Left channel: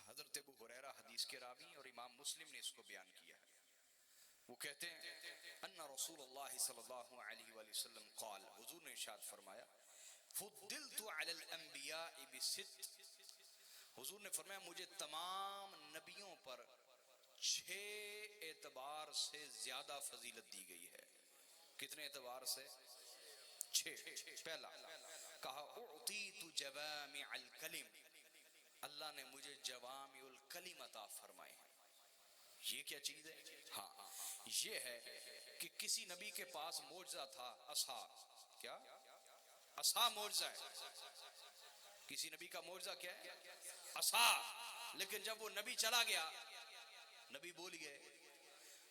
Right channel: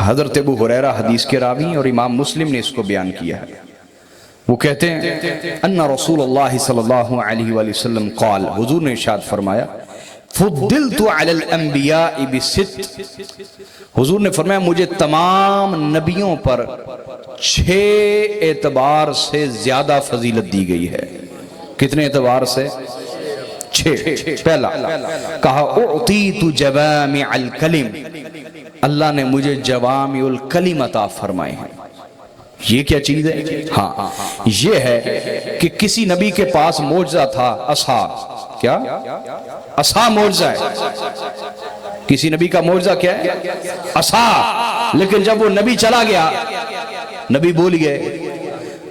حضرت ابو ہریرہ حدیث کے راوی اور امام مسلم نے اس کو بیان کیا ہے. وہ کہتے ہیں ان رسول اللہ صلی اللہ علیہ وآلہ وسلم قال، حضور نے ارشاد فرمایا فضلت علی الانبیاء بست، حضور نے فرمایا مجھے تمام نبیوں پر 6 اعتبار سے زیادہ فضیلت دی گئی ہے. کتنے اعتبار سے؟ 6. پہلا کہا اعطیت جوامع الکلم، اللہ نے مجھے جوامع الکلم عطا فرمائے ہیں. یہ کیا چیز ہے؟ ہاں یہ ہے کہ کسی نبی کے پاس معجزہ تھا عصا. کیا؟ عصا معجزہ ہے. کسی نبی کا معجزہ کیا ہے؟ عصا. لیکن جب وہ نبی چلا گیا، نبی بول گئے،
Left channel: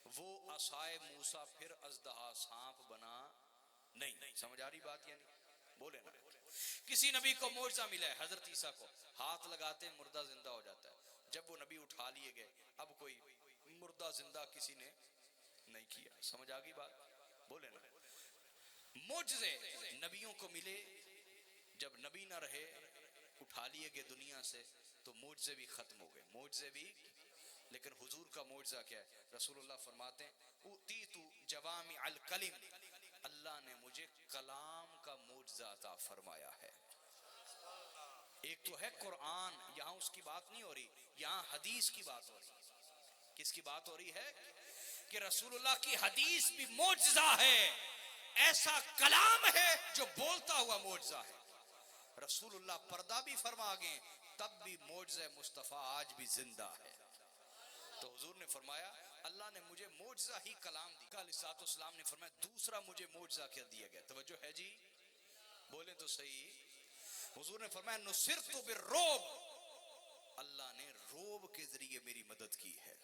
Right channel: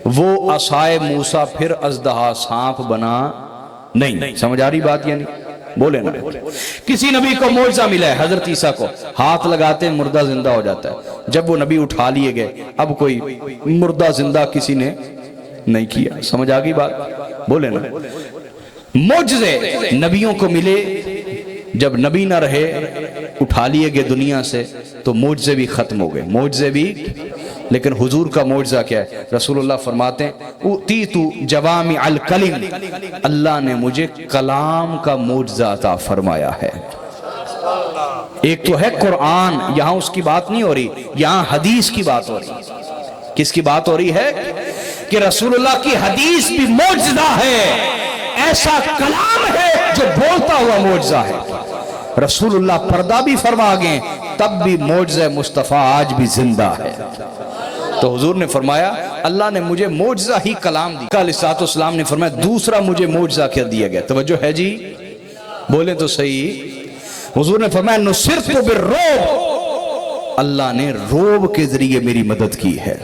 وہ عصائے موسیٰ پھر اژدہا سانپ بنا نہیں. سمجھ آ رہی بات؟ یعنی بولے نا، کسی نبی کو معجزہ ملا ہے، حضرت عیسیٰ کو ہاتھ لگاتے ہیں مردہ زندہ ہو جاتا ہے. جب وہ نبی اٹھا لیے گئے، اب کوئی مردہ زندہ کسی نے نہیں کیا. سمجھ آ گئی بات؟ بولے نا. معجزے نبیوں کو ملے، جب نبی نہ رہے اٹھا لیے گئے دنیا سے تو معجزے بھی ختم ہو گئے. معجزے بھی. لیکن حضور کا معجزہ کیا ہے؟ رسول اللہ فرماتے ہیں اُوتِیتُ جوامع الکلم، اللہ نے مجھے کلام کا معجزہ عطا فرمایا ہے. ایک تو ہے قرآن، یہاں اس کی بات نہیں ہو رہی، یہاں حدیث کی بات ہو رہی. کس کی بات ہو رہی ہے؟ کہ رسول اللہ کی حدیث بھی معجزہ ہے، ایسا کلام ہے جو بولتا ہوا معجزہ ہے. رسول اللہ پردہ بھی فرما گئے تب بھی معجزہ مصطفیٰ آج بھی زندہ ہے. تو حضور نے فرمایا اللہ نے مجھے معجزہ ہی کلام دی. علیہ السلام نے فرمایا دوسرا مجھے معجزہ کیا دیا گیا. توجہ ہے جی؟ بولیں تو صحیح. حضور نے فرمایا نصرت بالرعب، اللہ نے روب کے ذریعے میری مدد کی ہے.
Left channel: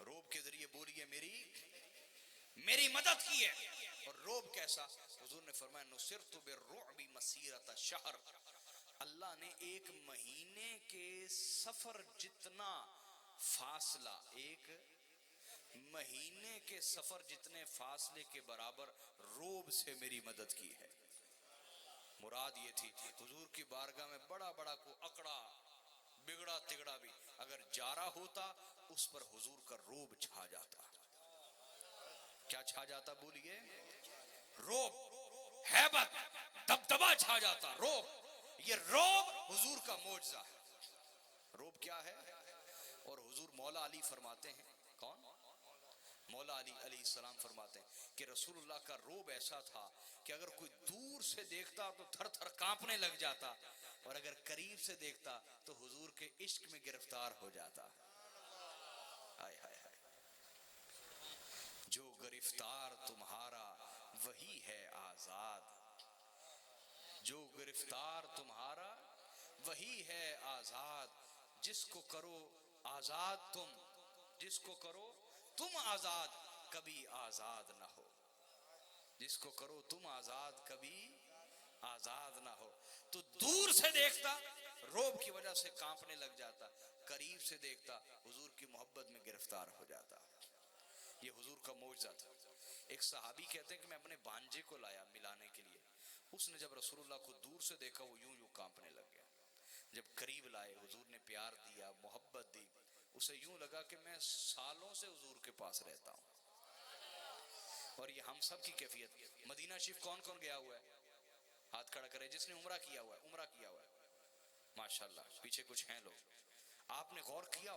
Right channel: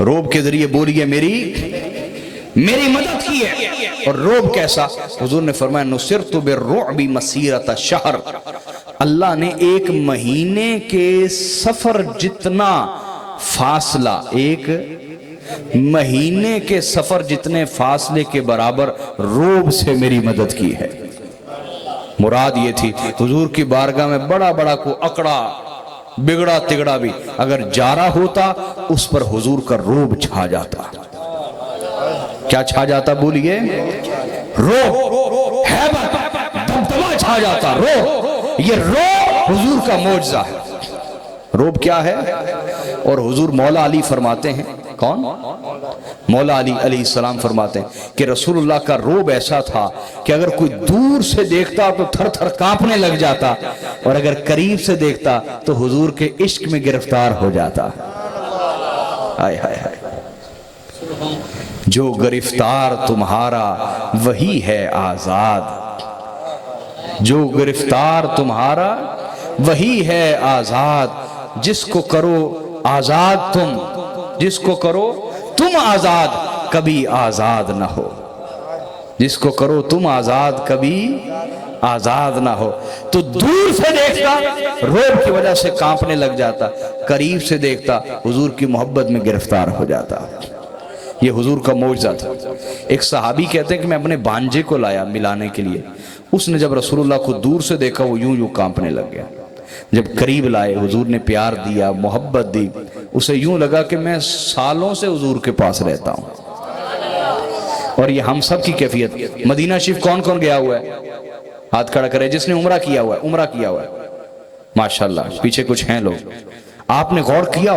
روب کے ذریعے بولیے میری مدد کی ہے. اور روب کیسا؟ حضور نے فرمایا نصرت بالرعب مسیرۃ شہر، اللہ نے 1 مہینے کے سفر جتنا فاصلہ، 1 مہینے کے سفر جتنے فاصلے کے برابر روب سے میری مدد کی ہے. مراد یہ تھی حضور کی بارگاہ میں بڑا بڑا کو اکڑا بگڑا تگڑا بھی اگر جا رہا ہوتا اس پر حضور کا روب چھا جاتا. کیا چھا جاتا؟ بولیے. روب، ہیبت، دبدبہ چھا جاتا. روب، یہ روب حضور کا معجزہ ہے. روب کیا ہے؟ اور حضور مولا علی فرماتے ہیں، کون؟ مولا علی علیہ السلام فرماتے ہیں کہ رسول اللہ کا روب ایسا تھا کہ اگر کوئی دور سے دیکھتا تو تھر تھر کانپنے لگ جاتا، اور اگر قریب سے دیکھتا تو حضور کے عشق میں گرفتار ہو جاتا. ہائے ہائے ہائے. جو گرفتار تمہارا وہی ہے آزاد، جو گرفتار تمہارا وہی ہے آزاد، جس کو کرو آزاد تم، جس کو کرو تم آزاد کبھی آزاد نہ ہو. جس کو کرو تم آزاد کبھی آزاد نہ ہو. تو دور سے دیکھتا روب کی وجہ سے کانپنے لگ جاتا، قریب سے دیکھتا حضور کی محبت میں گرفتار ہو جاتا. یہ حضور کا معجزہ تھا. ایک صحابی کہتے ہیں کہ میں اپنے بانجے کو لایا ملانے کے لیے، اس نے جب رسول اللہ کو دور سے دیکھا وہ یوں کانپنے لگ گیا. جب قریب لائے حضور نے پیار دیا، محبت دی، اسے یوں لگا کہ میں سالوں سے حضور کے پاس رہتا ہوں. اور یہ ہم سب کی کیفیت. مدینہ شریف کون کون گیا ہوا ہے؟ ہاتھ کھڑا کرے جس نے عمرہ کیا ہوا ہے. عمرہ کیا ہوا ہے ماشاءاللہ. پیچھے کچھ ہیں لوگ. آپ نے غور کیا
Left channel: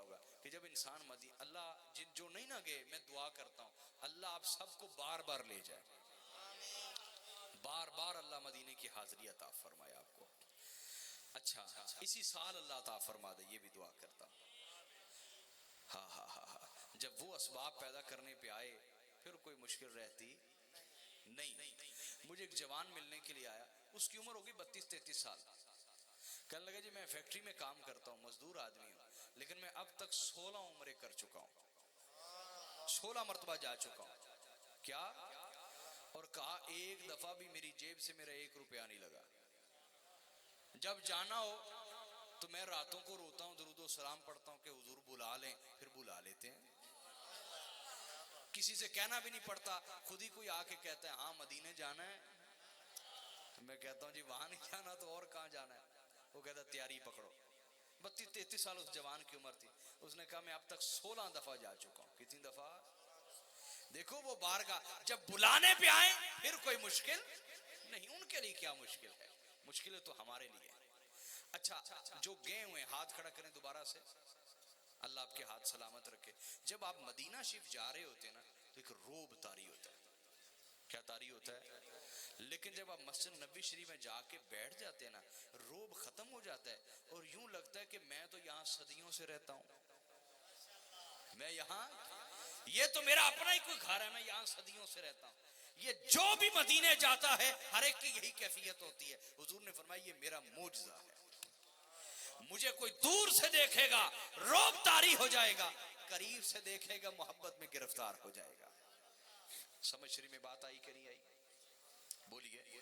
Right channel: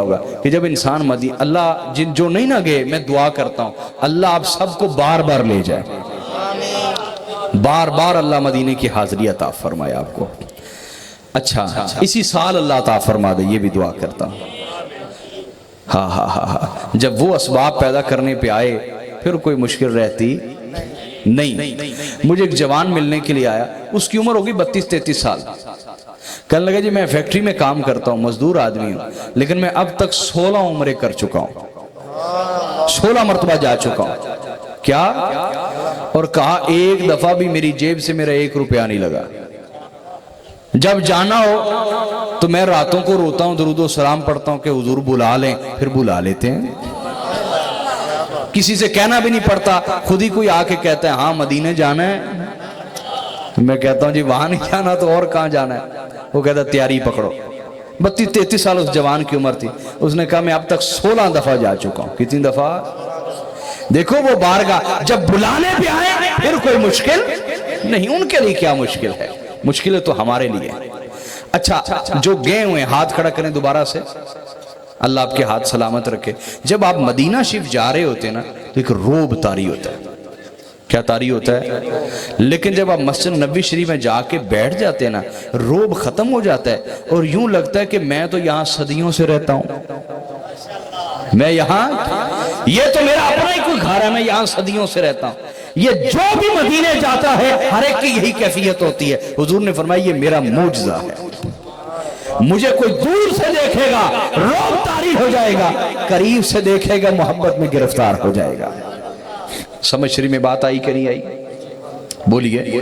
ہوگا کہ جب انسان اللہ جو نہیں نہ گئے، میں دعا کرتا ہوں اللہ آپ سب کو بار بار لے جائے، بار بار اللہ مدینے کی حاضری عطا فرمائے آپ کو. اچھا اسی سال اللہ عطا فرما دے، یہ بھی دعا کرتا ہوں. ہاں جب وہ اسباب پیدا کرنے پہ آئے پھر کوئی مشکل رہتی نہیں. مجھے ایک جوان ملنے کے لیے آیا، اس کی عمر ہوگی 32-33 سال. کہنے لگا جی میں فیکٹری میں کام کرتا ہوں، مزدور آدمی ہوں، لیکن میں اب تک 16 عمرے کر چکا ہوں، 16 مرتبہ جا چکا ہوں. کیا؟ اور کہا ایک دفعہ بھی میری جیب سے میرا 1 روپیہ نہیں لگا. جب جانا ہو تو میں راتوں کو روتا ہوں، درود و سلام پڑھتا ہوں کہ حضور بلا لیں، پھر بلا لیتے ہیں. کسی سے کہنا بھی نہیں پڑتا، خود ہی کوئی آ کے کہتا ہے ہاں مدینے جانا ہے. میں کہتا ہوں جی وہاں نہیں جانا تو اور کہاں جانا ہے. وہ کہتا تیاری پکڑو. 32-33 سال اس جوان کی عمر تھی. اس نے کہا میں اب تک 16 دفعہ جا چکا ہوں. کتنی دفعہ؟ دیکھو وہ بارگاہ جب بلانے پہ آئے پھر کوئی مشکل نہیں. ان کے لیے کیا مشکل ہے؟ مشکل تو ہمارے لیے. اچھا جو گئے ہوئے ہاتھ کھڑا کریں دوبارہ سے. اللہ آپ کے ہاتھ سلامت رکھے. جب آپ مدینہ شریف جا رہے ہوتے ہیں نا تو ایک روب طاری ہوتا ہے. کیا طاری ہوتا ہے؟ لیکن جب آپ مسجد نبوی شریف میں جا کے بیٹھ جاتے ہیں نا روب ختم ہو جاتا ہے اور یوں لگتا ہے کہ میں تو یہاں صدیوں سے رہتا ہوں. میں یہاں یہ تو میرا اپنا ہی کوئی گھر ہے, میں یہاں صدیوں سے رہتا ہوں. یہ جو بھی مدینے جاتا ہے ہر ایک کی یہی کیفیت ہوتی ہے. حضور نے فرمایا یہ میرا معجزہ ہے. مجھے کوئی دور سے دیکھے گا روب طاری ہو جائے گا, قریب سے دیکھے گا محبت میں گرفتار ہو جائے گا. سمجھ شریف میں بات آئی کہ نہیں آئی؟ بولیے.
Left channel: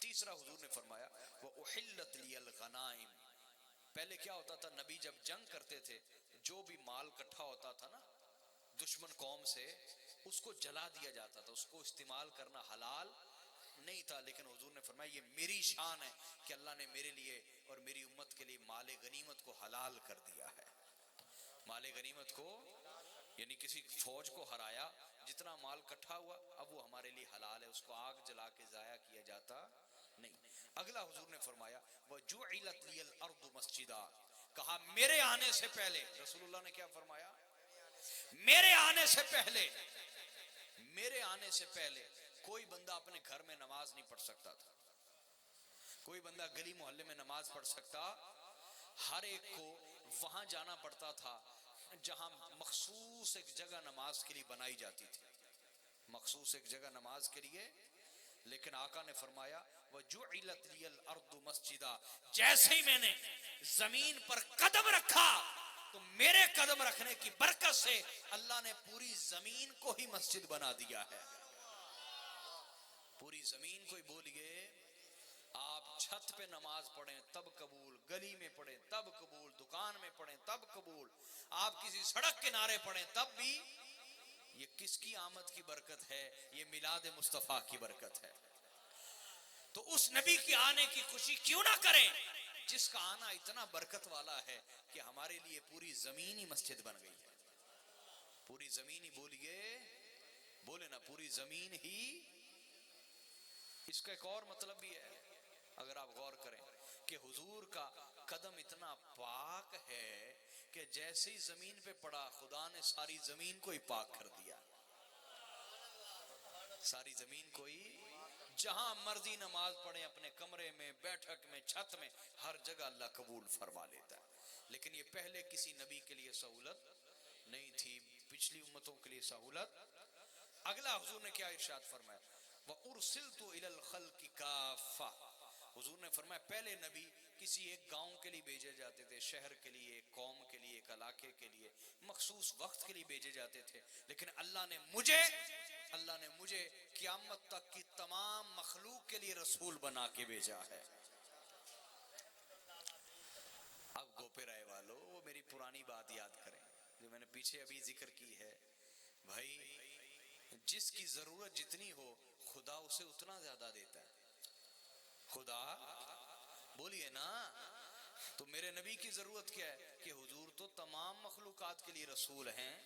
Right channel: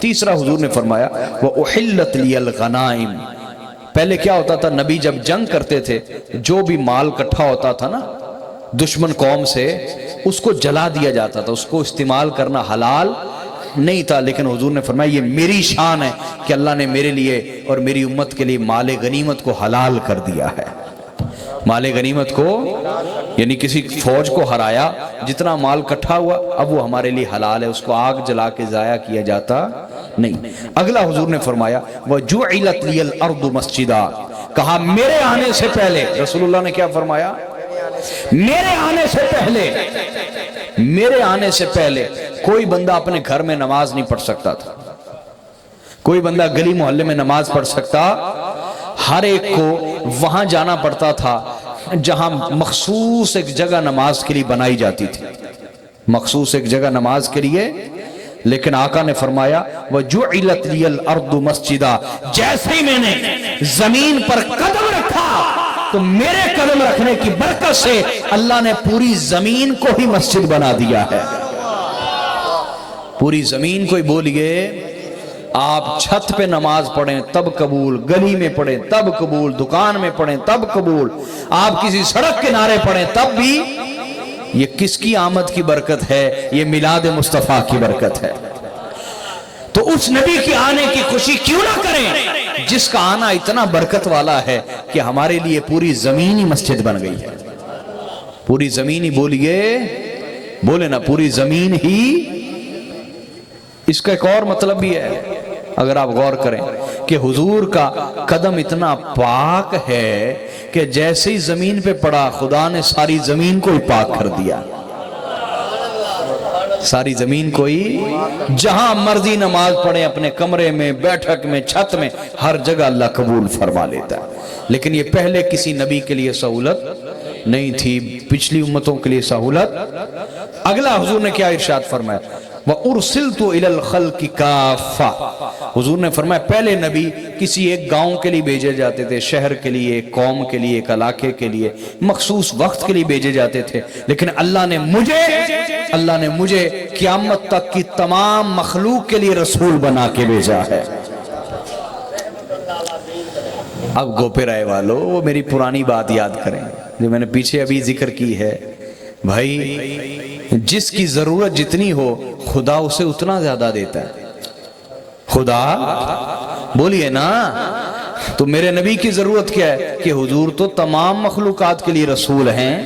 تیسرا حضور نے فرمایا وَأُحِلَّتْ لِيَ الْغَنَائِمْ. پہلے کیا ہوتا تھا, نبی جب جنگ کرتے تھے جو بھی مال کٹھا ہوتا تھا نا دشمن قوم سے اس کو جلا دیا جاتا تھا. اس کو استعمال کرنا حلال نہیں تھا. لیکن حضور نے فرمایا یہ میری شان ہے کہ اللہ نے میرے لیے اور میری امت کے لیے مال غنیمت کو حلال کر دیا ہے. مال غنیمت کو یعنی کسی فوج کو ہرایا جتنا مال کٹھا ہوا اب وہ ہمارے لیے حلال ہے. اس کو آگ جلا کے ضائع کیا جاتا نہیں. اگلا حضور نے فرمایا وَجُعِلَتْ لِيَ الْأَرْضُ مَسْجِدًا. کہا میرے آنے سے پہلے, رسول اللہ نے کیا فرمایا؟ میرے آنے سے پہلے کوئی بندہ اپنے گھر میں نماز نہیں پڑھ سکتا تھا. کوئی بندہ گلی محلے میں نماز پڑھ سکتا. ہر ایک کو وہاں جانا پڑتا تھا جہاں مخصوص ایک جگہ نماز کے لیے بنائی جاتی تھی. مخصوص ایک جگہ نماز کے لیے. لیکن آقا نے فرمایا وَجُعِلَتْ لِيَ الْأَرْضُ مَسْجِدًا. جیسے ہی میں نے زمین پر قدم رکھا تو میرے قدم رکھنے کی برکت سے اللہ نے پوری زمین کو ہی مسجد بنا دیا ہے. پوری زمین کو ہی. بولیے آپ چھت پہ نماز پڑھیں تب قبول, گلی میں پڑھیں تب قبول, دکان میں پڑھیں تب قبول, آپ کسی سڑک کنارے پڑھیں تب بھی. یہ کس کی آمد کی برکت ہے؟ یہ میلاد مصطفیٰ کی برکت ہے. تو اس نبی کی آنے کی خوشی کیوں نہ کریں جس کا آنا اتنا برکت والا ہے کہ ہمارے لیے پوری زمین ہی مسجد بن گئی ہے. پوری زمین ہی. بولے نا پوری زمین ہی. اس کا ایک اور مطلب بھی ہے اگر آپ غور کریں کہ حضور کا قدم اتنا پاک ہے کہ جیسے ہی زمین پہ پڑا خدا نے ساری زمین کو ہی پاک کر دیا. ساری زمین کو ہی. جہاں مرضی نماز پڑھیں اپنے کمرے میں, بیٹھک میں, چھت میں, ہر جگہ اللہ قبول فرما لیتا ہے. لیکن یہ پہلے کسی نبی کے لیے سہولت نہیں تھی, پچھلی امتوں کے لیے سہولت. اگلا حضور نے کیا ارشاد فرمایا وَأُرْسِلْتُ إِلَى الْخَلْقِ كَافَّةً. حضور نے فرمایا پہلے نبی کسی ایک گاؤں کے لیے بھیجے جاتے تھے, شہر کے لیے, ایک قوم کے لیے, ایک علاقے کے لیے, مخصوص وقت کے لیے بھیجے جاتے تھے. لیکن اللہ نے مجھے قیامت تک کی تمام مخلوق کے لیے رسول بنا کے بھیجا ہے. اب گوپے رائے والو وہ میری پرانی بات یاد کریں جو میں نے پیچھے ابھی ذکر کی ہے. بھائی جس کی ضرورت جتنی ہو خدا اسے اتنا زیادہ دیتا ہے. خدا بولیے نا. تو میرے نبی کی ضرورت کیا ہے کہ حضور تو تمام مخلوقات کے لیے رسول ہیں.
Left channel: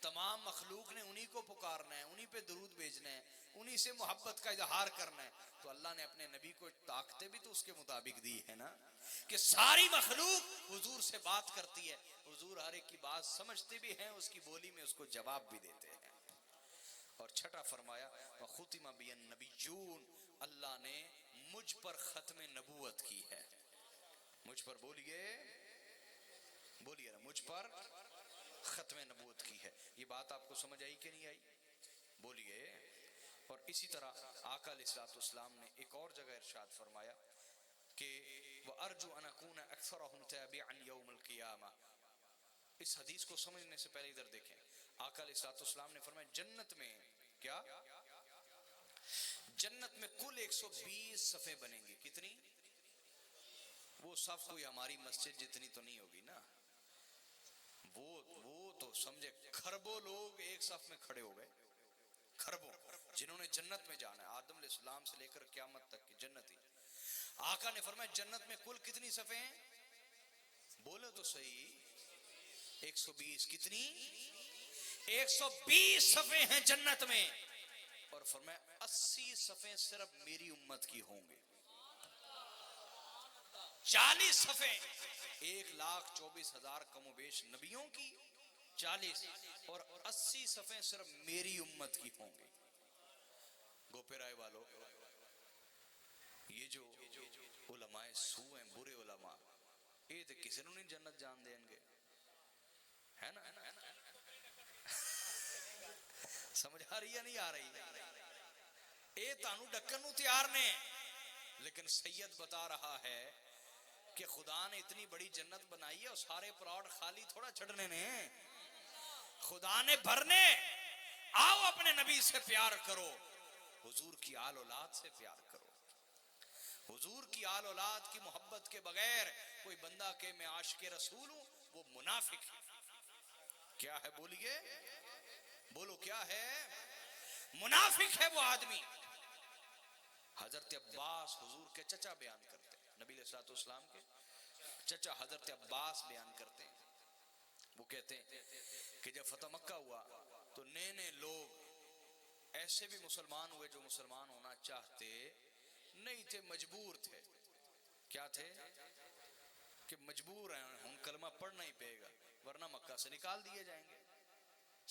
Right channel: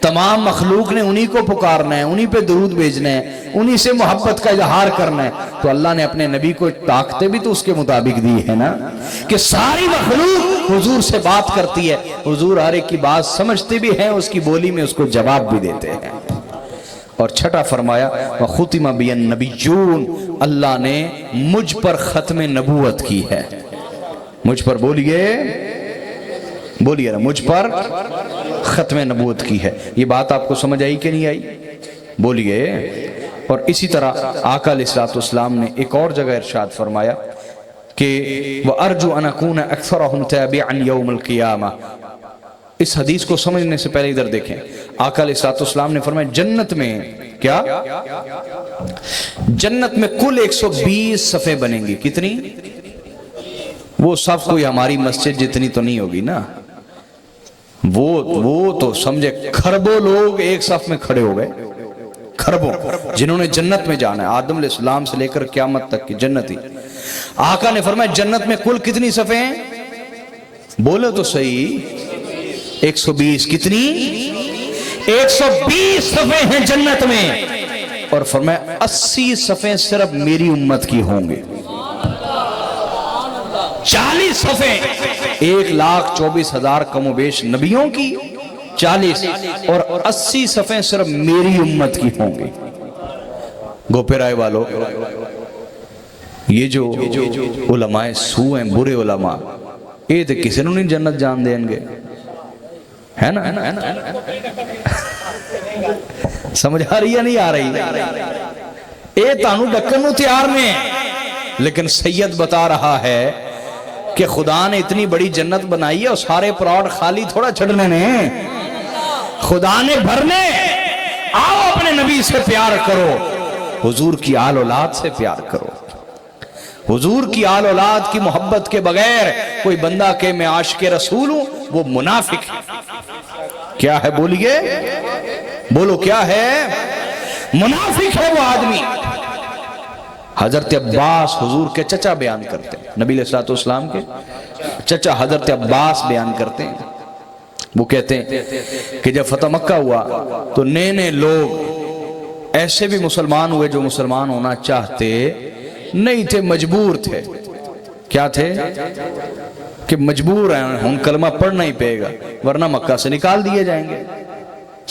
تمام مخلوق نے انہی کو پکارنا ہے, انہی پہ درود بھیجنا ہے, انہی سے محبت کا اظہار کرنا ہے. تو اللہ نے اپنے نبی کو طاقتیں بھی تو اس کے مطابق دی ہے نا کہ ساری مخلوق حضور سے بات کرتی ہے. حضور ہر ایک کی بات سمجھتے بھی ہیں, اس کی بولی میں اس کو جواب بھی دیتے ہیں. اور چھٹا فرمایا وَخُتِمَ بِيَ النَّبِيُّونَ. اللہ نے مجھ پر ختم نبوت کی ہے. مجھ پر بولیے نا, مجھ پر ختم نبوت کی ہے. یہ بات آپ کو سمجھ آئی کہ نہیں آئی؟ بولیے. اور اسی طرح آقا علیہ السلام نے ایک اور جگہ ارشاد فرمایا کہ وَأَرْجُ أَنْ أَكُونَ أَكْثَرَهُمْ تَابِعًا يَوْمَ الْقِيَامَةِ. اس حدیث کو سمجھنے سے پہلے ادھر دیکھیں. آقا علیہ السلام نے فرمایا جنت میں کیا؟ جنت میں کل 120 صفیں بنیں گی. کتنی؟ وہ صف کوئی ہماری مسجد جتنی تو نہیں ہوگی نا. وہ تو سمجھے کھربوں لوگ ایک صف میں کھڑے ہو گئے. کھربوں جنہوں نے جنت میں جانا ہے, آدم علیہ السلام سے لے کر قیامت تک کی جنتی. آقا نے فرمایا جنت میں کل کتنی صفیں ہیں؟ بولو تو صحیح، 120۔ کتنی؟ 120 صفیں ہیں جنت میں، اور فرمایا 80 صفیں صرف میری امت کی ہوں گے۔ 40 صفیں 1,24,000 کم و بیش نبیوں کی، 40 اور 80 صفیں صرف میری امت کی ہوں گی۔ گوپے رائے والو، یہ جو علماء سو ہیں، برے علماء، یہ تو کسی نے نہیں جنت جان دیں گے، ہے نا؟ سمجھ آ رہی یا نہیں آ رہی؟ اے تانو ڈکن نو تیار نے، لیکن سید بتا رہا ہے کہ خدا نے اتنی بڑی جنت بنائی ہے اور سارے پراڈ خالی تھوڑا چھڑنے نے، خدا نے بھرنے۔ آؤ اپنے نبی سے پیار کرو، حضور کی آل اولاد سے پیار کرو۔ حضور کی آل اولاد کی محبت کے بغیر کوئی بندہ کہ میں عاشق رسول ہوں، وہ منافق ہے۔ کیا ہے بولیے؟ بولو کیا ہے؟ منافق ہے وہ آدمی۔ حضرت عباس حضور کے چچا بیان کرتے ہیں، نبی علیہ الصلوۃ والسلام کے چچا حضرت عباس بیان کرتے ہیں، وہ کہتے ہیں کہ جب فتح مکہ ہوا تو نئے نئے لوگ ایسے بھی مسلمان ہوئے جو مسلمان ہونا چاہتے نہیں تھے، مجبور تھے۔ کیا تھے؟ کہ مجبور ہیں، ہم کلمہ پڑھنا ہی پڑے گا ورنہ مکہ سے نکال دیے جائیں گے۔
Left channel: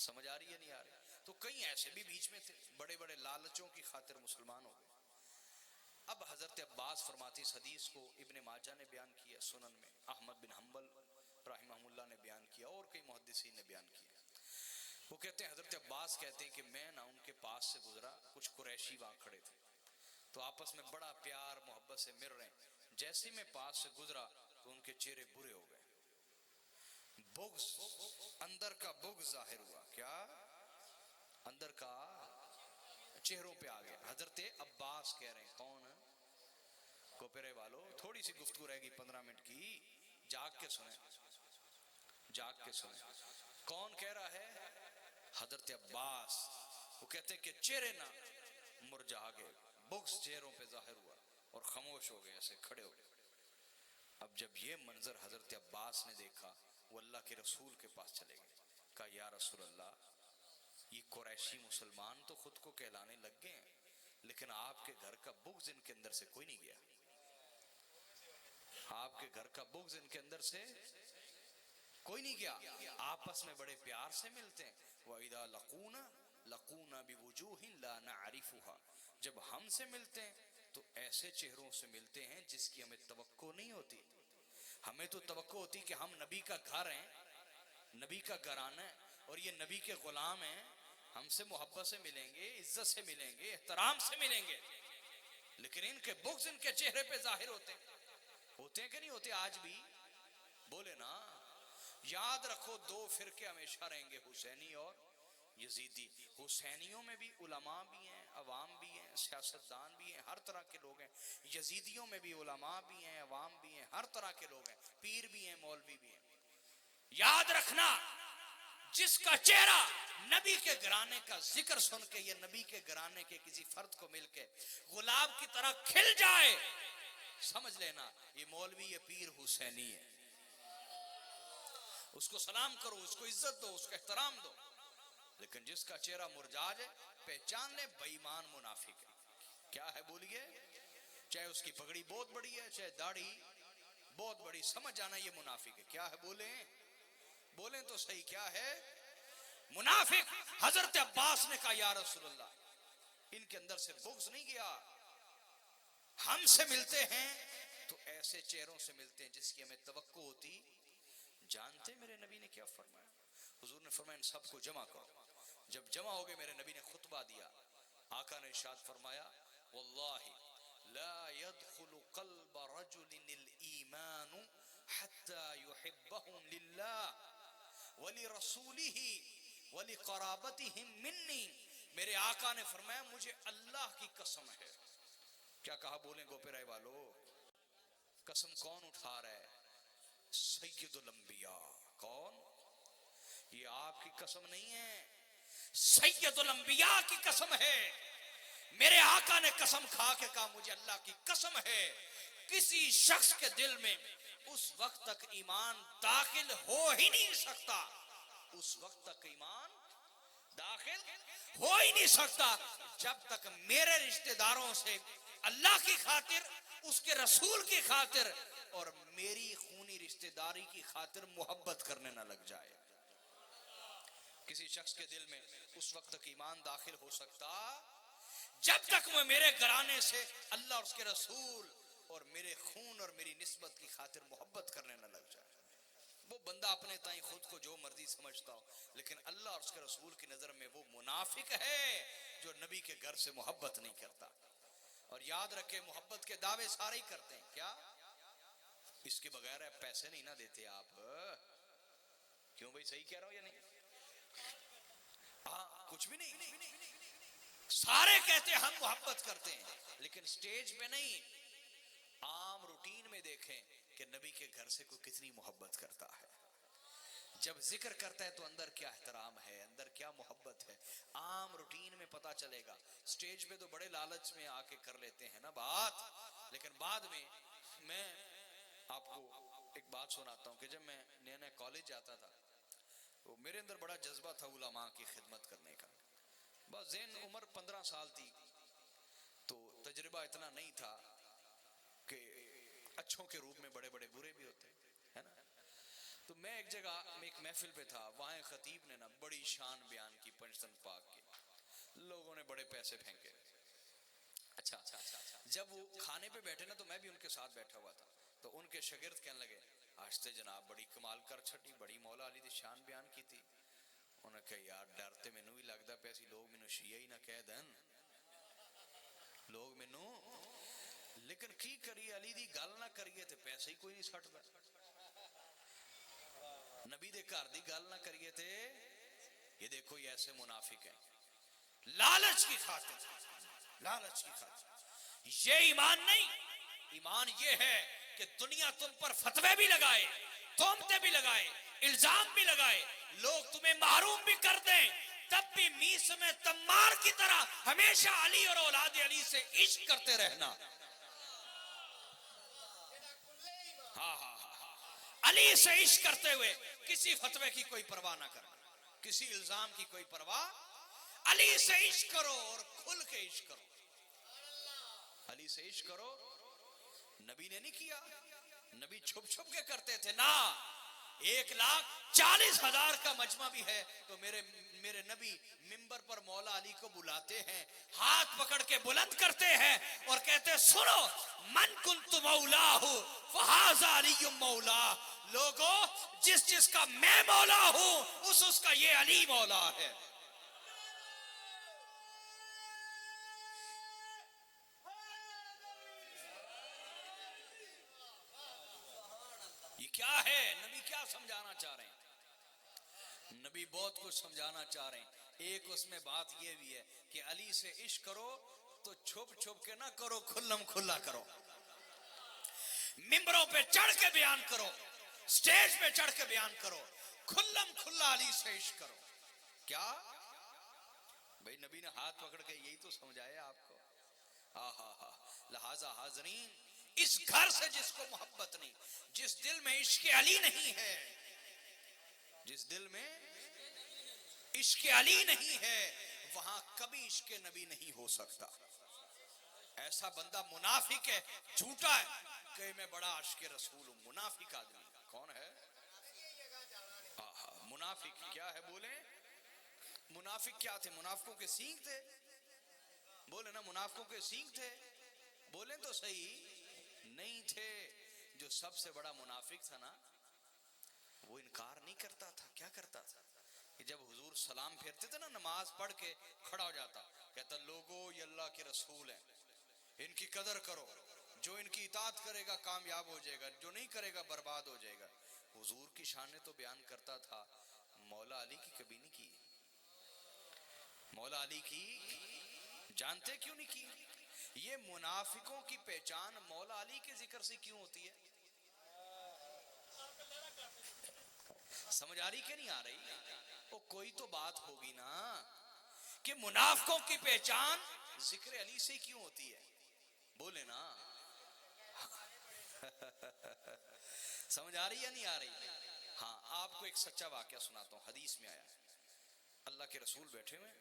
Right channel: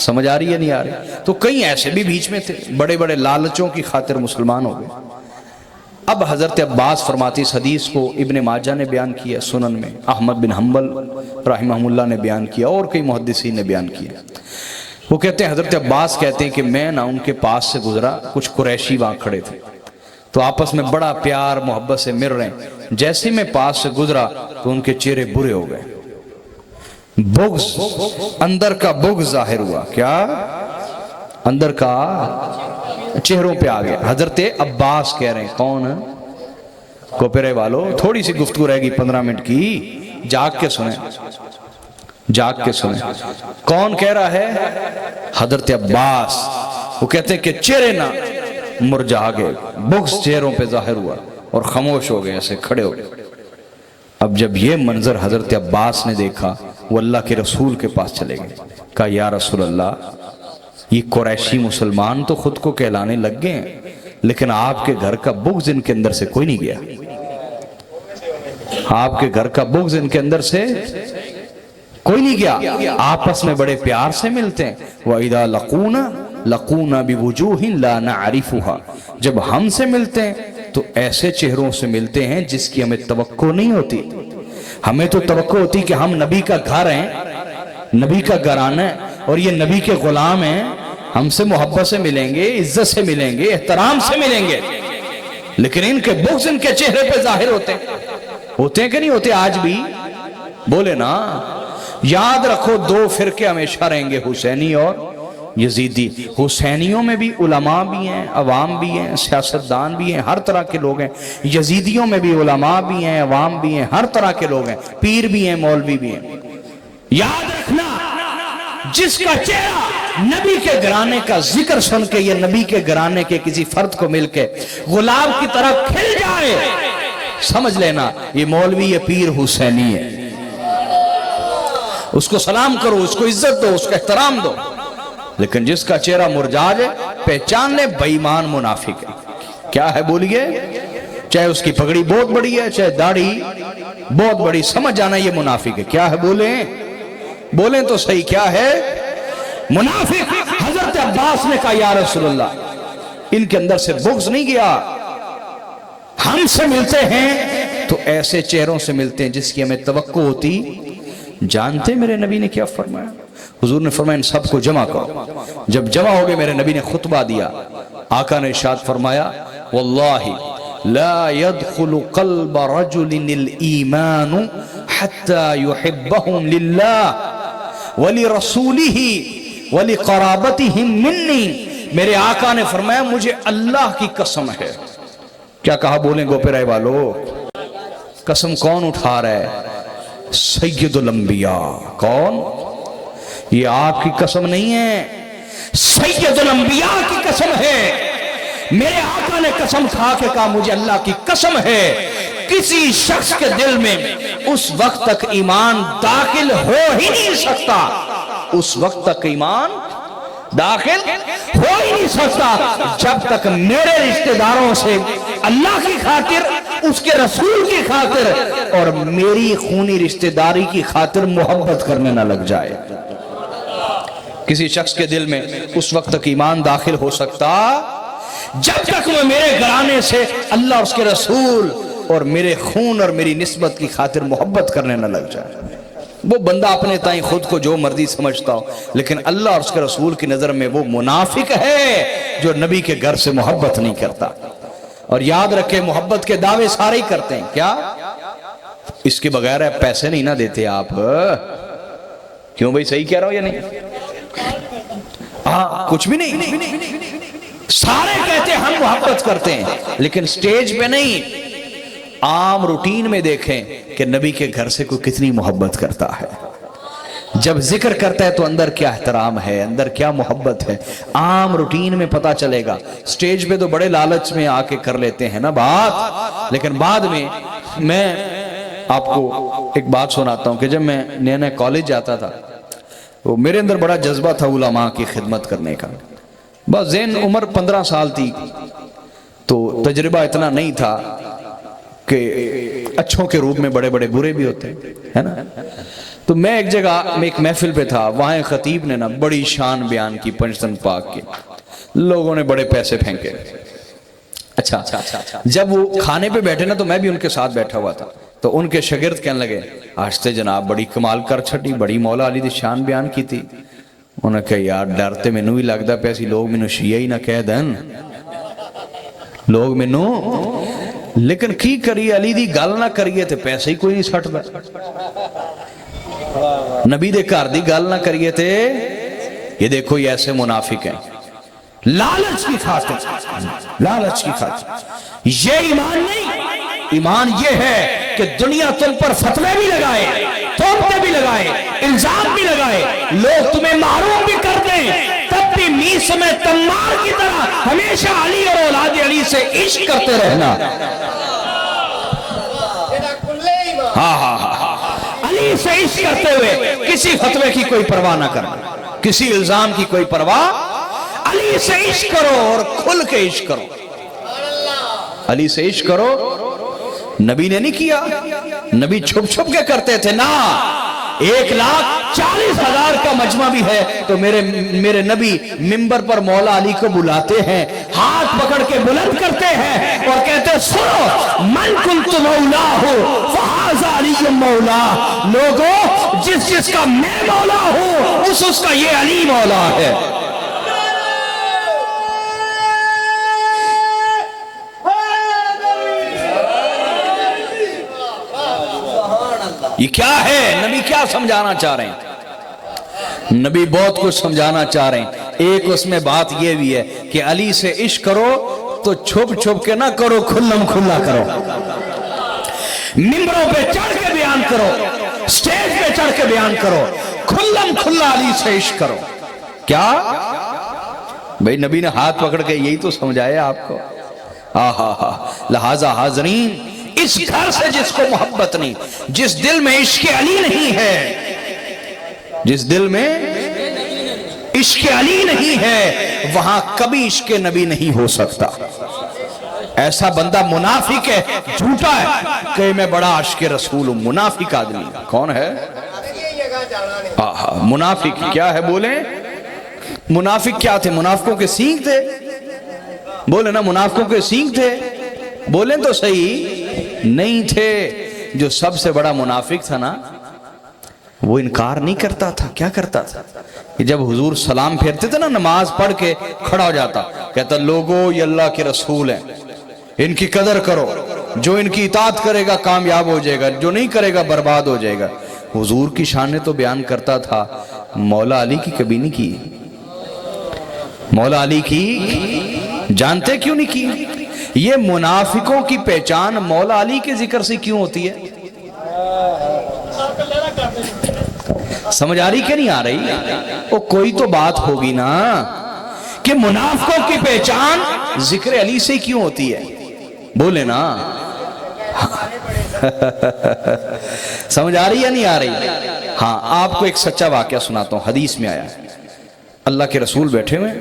سمجھ آ رہی ہے نہیں آ رہی؟ تو کئی ایسے بھی بیچ میں تھے، بڑے بڑے لالچوں کی خاطر مسلمان ہو گئے۔ اب حضرت عباس فرماتی، اس حدیث کو ابن ماجہ نے بیان کیا سنن میں، احمد بن حنبل رحمہ اللہ نے بیان کیا، اور کئی محدثین نے بیان کیا۔ وہ کہتے ہیں حضرت عباس کہتے ہیں کہ میں نہ ان کے پاس سے گزرا، کچھ قریشی وہاں کھڑے تھے تو آپس میں بڑا پیار محبت سے مل رہے ہیں، جیسے میں پاس سے گزرا تو ان کے چہرے برے ہو گئے، بغض، اندر کا بغض ظاہر ہوا۔ کیا؟ اندر کا چہروں پہ آ گیا۔ حضرت عباس کہہ رہے ہیں، کون؟ کوپرے والو، تھوڑی سی گفتگو رہ گی 15 منٹ کی، جاگ کے سنیں، جاگ کے سنیں۔ کون کہہ رہا ہے؟ حضرت عباس۔ وہ کہتے ہیں کہ چہرے نہ مرجھا گئے، بغض چہروں پہ ظاہر ہوا اور خاموش ہو گئے، ایسے کھڑے ہو گئے۔ اب جب یہ منظر حضرت عباس نے دیکھا، وہ اللہ کے رسول کے پاس چلے گئے، کہا یا رسول اللہ، یہ قریشی مسلمان تو خود کو کہلانے لگ گئے ہیں، لیکن آپ کے گھر کا بغض ان کے اندر سے کوئی نہیں گیا، آپ کے گھر کا بغض ان کے اندر سے کوئی نہیں گیا، آپس میں بڑے پیار سے ملتے ہیں۔ وَإِذَا لَقُونَا بِوُجُوهٍ لَا نَعْرِفُهَا، جب ہم سے ملتے ہیں تو ایسے چہروں سے ملتے ہیں جس کی ہمیں توقع نہیں ہوتی۔ ہمیں تو توقع ہوتی کہ ہم نبی کا گھر ہیں، نبی کا گھرانہ ہے اور یہ نبی کے غلام ہیں، ہم سے محبت سے ملیں گے، عزت سے ملیں گے، احترام سے ملیں گے، لیکن ان کے بغض ان کے چہرے پہ ظاہر ہوتے ہیں کہ نہیں ہوتے آج بھی؟ بولے نا۔ یاد رکھو، دو فرقے ہمیشہ رہیں گے، حسینی اور یزیدی۔ حسینیوں میں بھی علماء بھی ہیں، عوام بھی ہیں، سیاستدان بھی ہیں، ہر طرح کے لوگ ہیں۔ یزیدیوں میں بھی علماء بھی ہیں، عوام بھی ہیں، ہر طرح کے لوگ ہیں، پیر بھی ہیں، مولوی بھی ہیں۔ یاد رکھنا، جس کا چہرہ نبی کے گھرانے کا ذکر سن کے یا نبی کے گھرانے کے کسی فرد کو مل کے غلام کی طرح کھل جائے، سمجھ لینا یہ مولوی یہ پیر حسینی ہے۔ اس کو سلام کرو، اس کو عزت دو، اس کو احترام دو، لیکن جس کا چہرہ مرجھا جائے پہچان لے بے ایمان منافق ہے۔ کیا ہے بولیے؟ چاہے اس کی پگڑی بہت بڑی ہے، چاہے داڑھی بہت بڑی، سمجھ جانا یہ منافق ہے۔ کیا ہے بولیں تو صحیح، کیا ہے؟ منافق۔ حضرت عباس نے کہا یا رسول اللہ، ان کے اندر سے بغض نہیں گیا، ہم سے ملتے ہیں تو ایسے چہروں سے ملتے ہیں جس کی ہمیں توقع ہوتی۔ جانتے میرے نبی نے کیا فرمایا؟ حضور نے فرمایا ان سب کو جمع کرو۔ جب جمع ہو گئے میرے نبی نے خطبہ دیا، آقا نے ارشاد فرمایا واللہ لا يدخل قلب رجل الایمان حتى يحبهم لله ولرسوله ولقرابتهم مني۔ میرے آقا نے فرمایا مجھے اللہ کی قسم ہے۔ کیا کہا؟ بولیں گوپے رائے والو، قسم کون اٹھا رہا ہے؟ سید الانبیاء۔ کون؟ یہ آپ کی قسم نہیں ہے، سید الانبیاء کی قسم ہے۔ میرے آقا نے قسم کھا کے کہا مجھے اللہ کی قسم ہے کسی شخص کے دل میں اس وقت تک ایمان داخل ہو ہی نہیں سکتا، اس وقت تک ایمان داخل ہو ہی نہیں سکتا جب تک میرے رشتہ داروں سے اللہ کی خاطر، اس کے رسول کی خاطر اور میری خونی رشتہ داری کی خاطر محبت کرنے نہ لگ جائے۔ کسی شخص کے دل میں اس وقت تک ایمان داخل ہو سکتا جب تک وہ میرے گھرانے سے اللہ اور اس کے رسول اور میرے خون اور میری نسبت کی خاطر محبت کرنے نہ لگ جائے۔ وہ بندہ اپنے تائیں خود کو جو مرضی سمجھتا ہو، لیکن اللہ اور اس کے رسول کی نظر میں وہ منافق ہے جو نبی کے گھر سے محبت نہیں کرتا۔ اور یاد رکھے، محبت کے دعوے سارے ہی کرتے ہیں، کیا اس کے بغیر پیسے نہیں نہ دیتے آپ؟ کیوں بھائی، صحیح کہہ رہا ہو یا نہیں؟ ہاں، کچھ بھی نہیں، سارے کہتے ہیں ہم محبت کرتے ہیں، لیکن سٹیج پہ نہیں، عام روٹین میں دیکھیں کہ نبی کے گھر سے کوئی کتنی محبت کرتا ہے۔ جب ذکر کرتا ہے تو اندر کیا احترام ہے، اندر کیا محبت ہے، عام روٹین میں پتا چلے گا۔ سٹیج پہ تو بڑے لالچ میں آ کے کر لیتے ہیں نا بات، لیکن بعد میں آپ کو ایک بات سناتا ہوں کہ جب میں نیا نیا کالج جاتا تھا تو میرے اندر بڑا جذبہ تھا علماء کی خدمت کرنے کا۔ بس ذہن عمر 15 سال تھی تو تجربہ اتنا نہیں تھا کہ اچھوں کے روپ میں بڑے بڑے برے بھی ہوتے ہیں نا۔ تو میں ایک جگہ میں ایک محفل پہ تھا، وہاں ایک خطیب نے نا بڑی شان بیان کی پنجتن پاک کی، لوگوں نے بڑے پیسے پھینکے۔ اچھا، جب وہ کھانے پہ بیٹھے نا تو میں بھی ان کے ساتھ بیٹھا ہوا تھا، تو ان کے شاگرد کہنے لگے، آج تے جناب بڑی کمال کر چھٹی، بڑی مولا علی دی شان بیان کی تھی۔ انہوں نے کہا یار ڈرتے میں نو ہی لگتا پیسی لوگ میں نو شیعہ ہی نہ کہہ دن، لوگ میں نو، لیکن کی کری علی دی گل نہ کریے تے پیسے ہی کوئی نہیں سٹ دا، نبی دے گھر دی گل نہ کریے تے یہ دیکھو یہ ایسے منافق ہیں، لالچ کی خاطر، لالچ کی خاطر۔ یہ ایمان نہیں، ایمان یہ ہے کہ دنیا تم پر فتوے بھی لگائے، تومتے بھی لگائے، الزام بھی لگائے، لوگ تمہیں معروف بھی کر دیں، تب بھی میس میں تمار کی طرح ہمیشہ علی اور اولاد علی سے عشق کرتے رہنا۔ علی سے عشق کرتے ہوئے کسی فتوے کی کوئی پرواہ نہ کرنا، کسی الزام کی کوئی پرواہ، علی سے عشق کرو اور کھل کے عشق کرو، علی سے عشق کرو۔ نبی نے نہیں کیا، نبی چھپ چھپ کے کرتے تھے نا۔ 1,40,000 کا مجمع بھی ہے تو میرے نبی منبر پر مولا علی کو بلاتے ہیں، ہاتھ پکڑ کے بلند کرتے ہیں اور کہتے ہیں سنو، من کنت مولا ہو فہذا علی مولا، لوگوں جس کا میں مولا ہوں اس کا یہ علی مولا ہے۔ یہ کیا ہے؟ نبی کیا سمجھانا چاہ رہے ہیں؟ نبی بہت کچھ سمجھانا چاہ رہے ہیں۔ ایک اس میں بات یہ بھی ہے کہ علی سے عشق کرو تو چھپ چھپ کے نہ کرو، کھلم کھلا کرو، ممبروں پہ چڑھ کے بیان کرو، سٹیج پہ چڑھ کے بیان کرو، کھلم کھلا علی سے عشق کرو۔ کیا بھئی نبی نے ہاتھ پکڑ کے یہی تو سمجھایا آپ کو۔ لہذا حاضرین، اس گھر سے جس کو محبت نہیں، جس دل میں عشق علی نہیں ہے، جس دل میں عشق علی نہیں ہے، وہاں کبھی عشق نبی نہیں ہو سکتا۔ ایسا بندہ منافق ہے، جھوٹا ہے کہ میں بڑا عاشق رسول ہوں۔ منافق آدمی کون ہے؟ منافق کیا ہے؟ بولیں منافق کیا تھے؟ منافقوں کے سینگ تھے، بولے نا، منافقوں کے سینگ تھے، بولیں تو صحیح، نہیں تھے۔ جو سب سے بڑا منافق تھا نا، وہ انکار نہیں کرتا تھا۔ کیا کرتا تھا کہ جب حضور سلام پھیرتے تھے نا، نماز پڑھ کے کھڑا ہو جاتا، کہتا لوگو یہ اللہ کے رسول ہیں، ان کی قدر کرو، جو ان کی اطاعت کرے گا کامیاب ہو جائے گا، جو نہیں کرے گا برباد ہو جائے گا۔ حضور کی شانیں تو بیان کرتا تھا، مولا علی کی کبھی نہیں کی۔ مولا علی کی جانتے کیوں نہیں کی؟ یہ منافقوں کی پہچان مولا علی کے ذکر سے کیوں ہوتی ہے؟ سمجھ آ رہی کہ نہیں آ رہی؟ وہ کوئی تو بات ہوگی نا کہ منافقوں کی پہچان ذکر علی سے کیوں ہوتی ہے؟ بولے نا۔ سمجھ آ رہی یا نہیں آ رہی؟ ہاں آپ کو ایک سچا واقعہ سناتا ہوں، حدیث میں آیا اللہ کے رسول بیٹھے ہوئے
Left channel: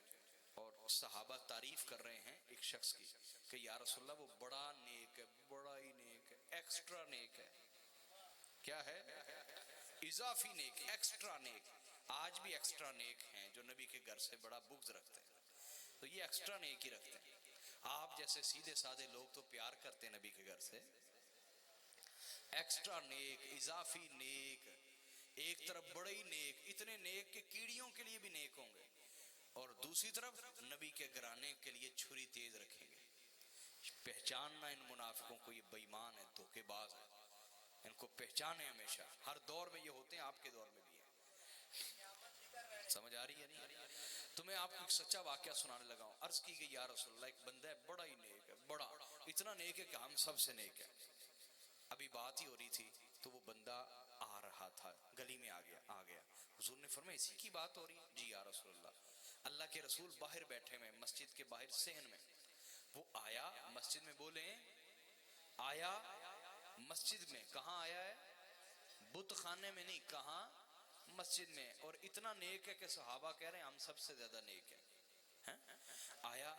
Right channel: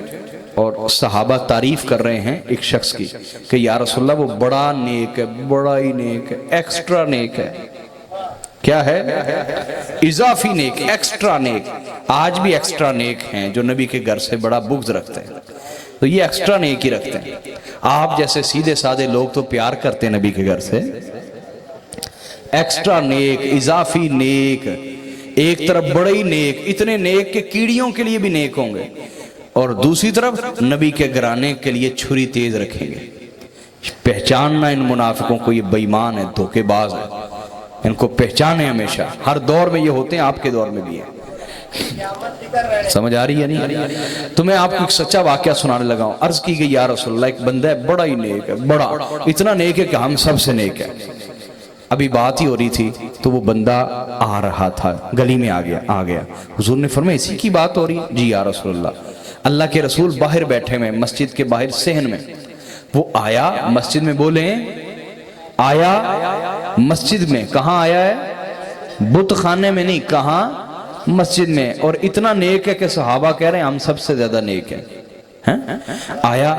اور صحابہ تعریف کر رہے ہیں ایک شخص کی کہ یا رسول اللہ وہ بڑا نیک ہے، بڑا ہی نیک ہے، ایکسٹرا نیک ہے۔ کیا ہے؟ اضافی نیک، ایکسٹرا نیک۔ آج بھی ایکسٹرا نیک ہیں جو نبی کے گھر سے بڑا بغض رکھتے ہیں، تو یہ ایکسٹرا نیک ہی رکھتے ہیں۔ آپ جیسے سیدھے سادے لوگ تو پیار کرتے ہیں نبی کے گھر سے، ایکسٹرا نیک، اضافی نیک، ایک طرف بڑے ہی نیک، اتنے نیک کہ کیڑیوں کے لیے بھی نیک ہوں گے، اور دوسری طرف نبی کے گھرانے کے لیے چھری تیز رکھیں گے۔ پہچاننا ان منافقوں کو، یہ بے ایمان ہے، دھوکے باز ہے، ان کو پہچانے ہمیشہ۔ ہر دور میں یہ ہوتے ہیں، آپ کے دور میں بھی ہیں۔ سمجھ آ رہی ہے نہیں؟ تو میں آپ کو ایک سچا واقعہ سنانے لگا ہوں۔ عرض کی گئی یا رسول اللہ ایک بندہ ہے بڑا ہی نیک ہے، بڑا، اتنا نیک ہے کہ ہم سب سے نیک ہے۔ ابھی بات ہی ہو رہی تھی تو وہ بندہ آ رہا تھا، گلی میں آ گیا۔ حضور نے فرمایا اسی کی بات ہو رہی ہے؟ جی یا رسول اللہ۔ اللہ کے رسول باہر بیٹھے ہوئے مسجد کے باہر صحن میں، وہ آیا مسجد میں، بولیں آیا مسجد میں۔ کہاں آیا ہے؟ بت خانے میں نہیں، کہاں؟ مسجد میں۔ اور اتنا نیک ہے کہ صحابہ کہہ رہے ہیں ہم سب سے زیادہ نیک ہیں۔ آیا،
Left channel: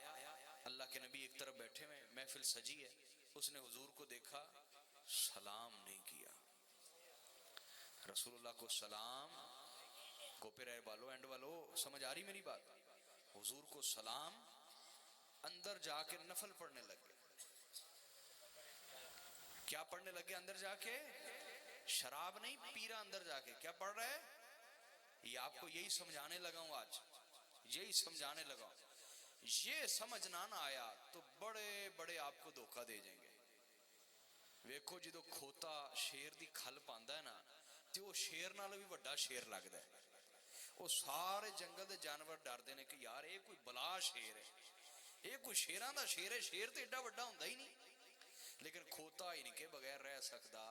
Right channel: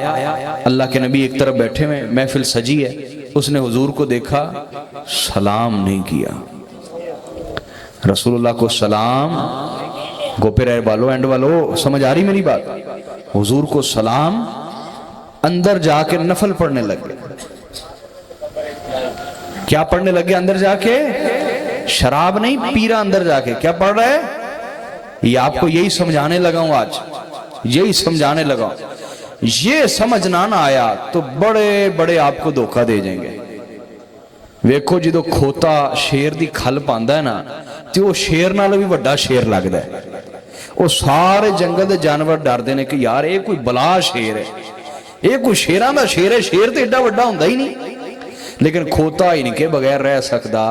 اللہ کے نبی ایک طرف بیٹھے ہوئے، محفل سجی ہے، اس نے حضور کو دیکھا، سلام نہیں کیا۔ رسول اللہ کو سلام، گوپے رہے والو، اینڈ والو، سمجھ آ رہی میری بات؟ حضور کو سلام، اندر جا کے نفل پڑھنے لگ گئے۔ کیا پڑھنے لگ گئے اندر جا کے؟ شراب نہیں پی رہا، اندر جا کے کیا پڑھ رہا ہے؟ یہ آپ کو یہی سمجھانے لگا ہوں آج، یہی سمجھانے لگا ہوں۔ یہ سمجھنا نہ آیا تو بڑے بڑے آپ کو دھوکہ دے جائیں گے۔ ویکھو جدو کھوتا شیر دی کھل پاندا ہے نا، تو وہ شیر نال بھی بڑا شیر لگدا ہے۔ وہ سارے جنگل دے جانور ڈردے نے کہ یار یہ کوئی بلا شیر ہے، یہ کوئی شیراں دا شیر ہے، شیر تے ایڈا بڑا ہوندا ہی نہیں۔ لیکن کھوتا ہی نہیں کہ بغیر رہ سکدا،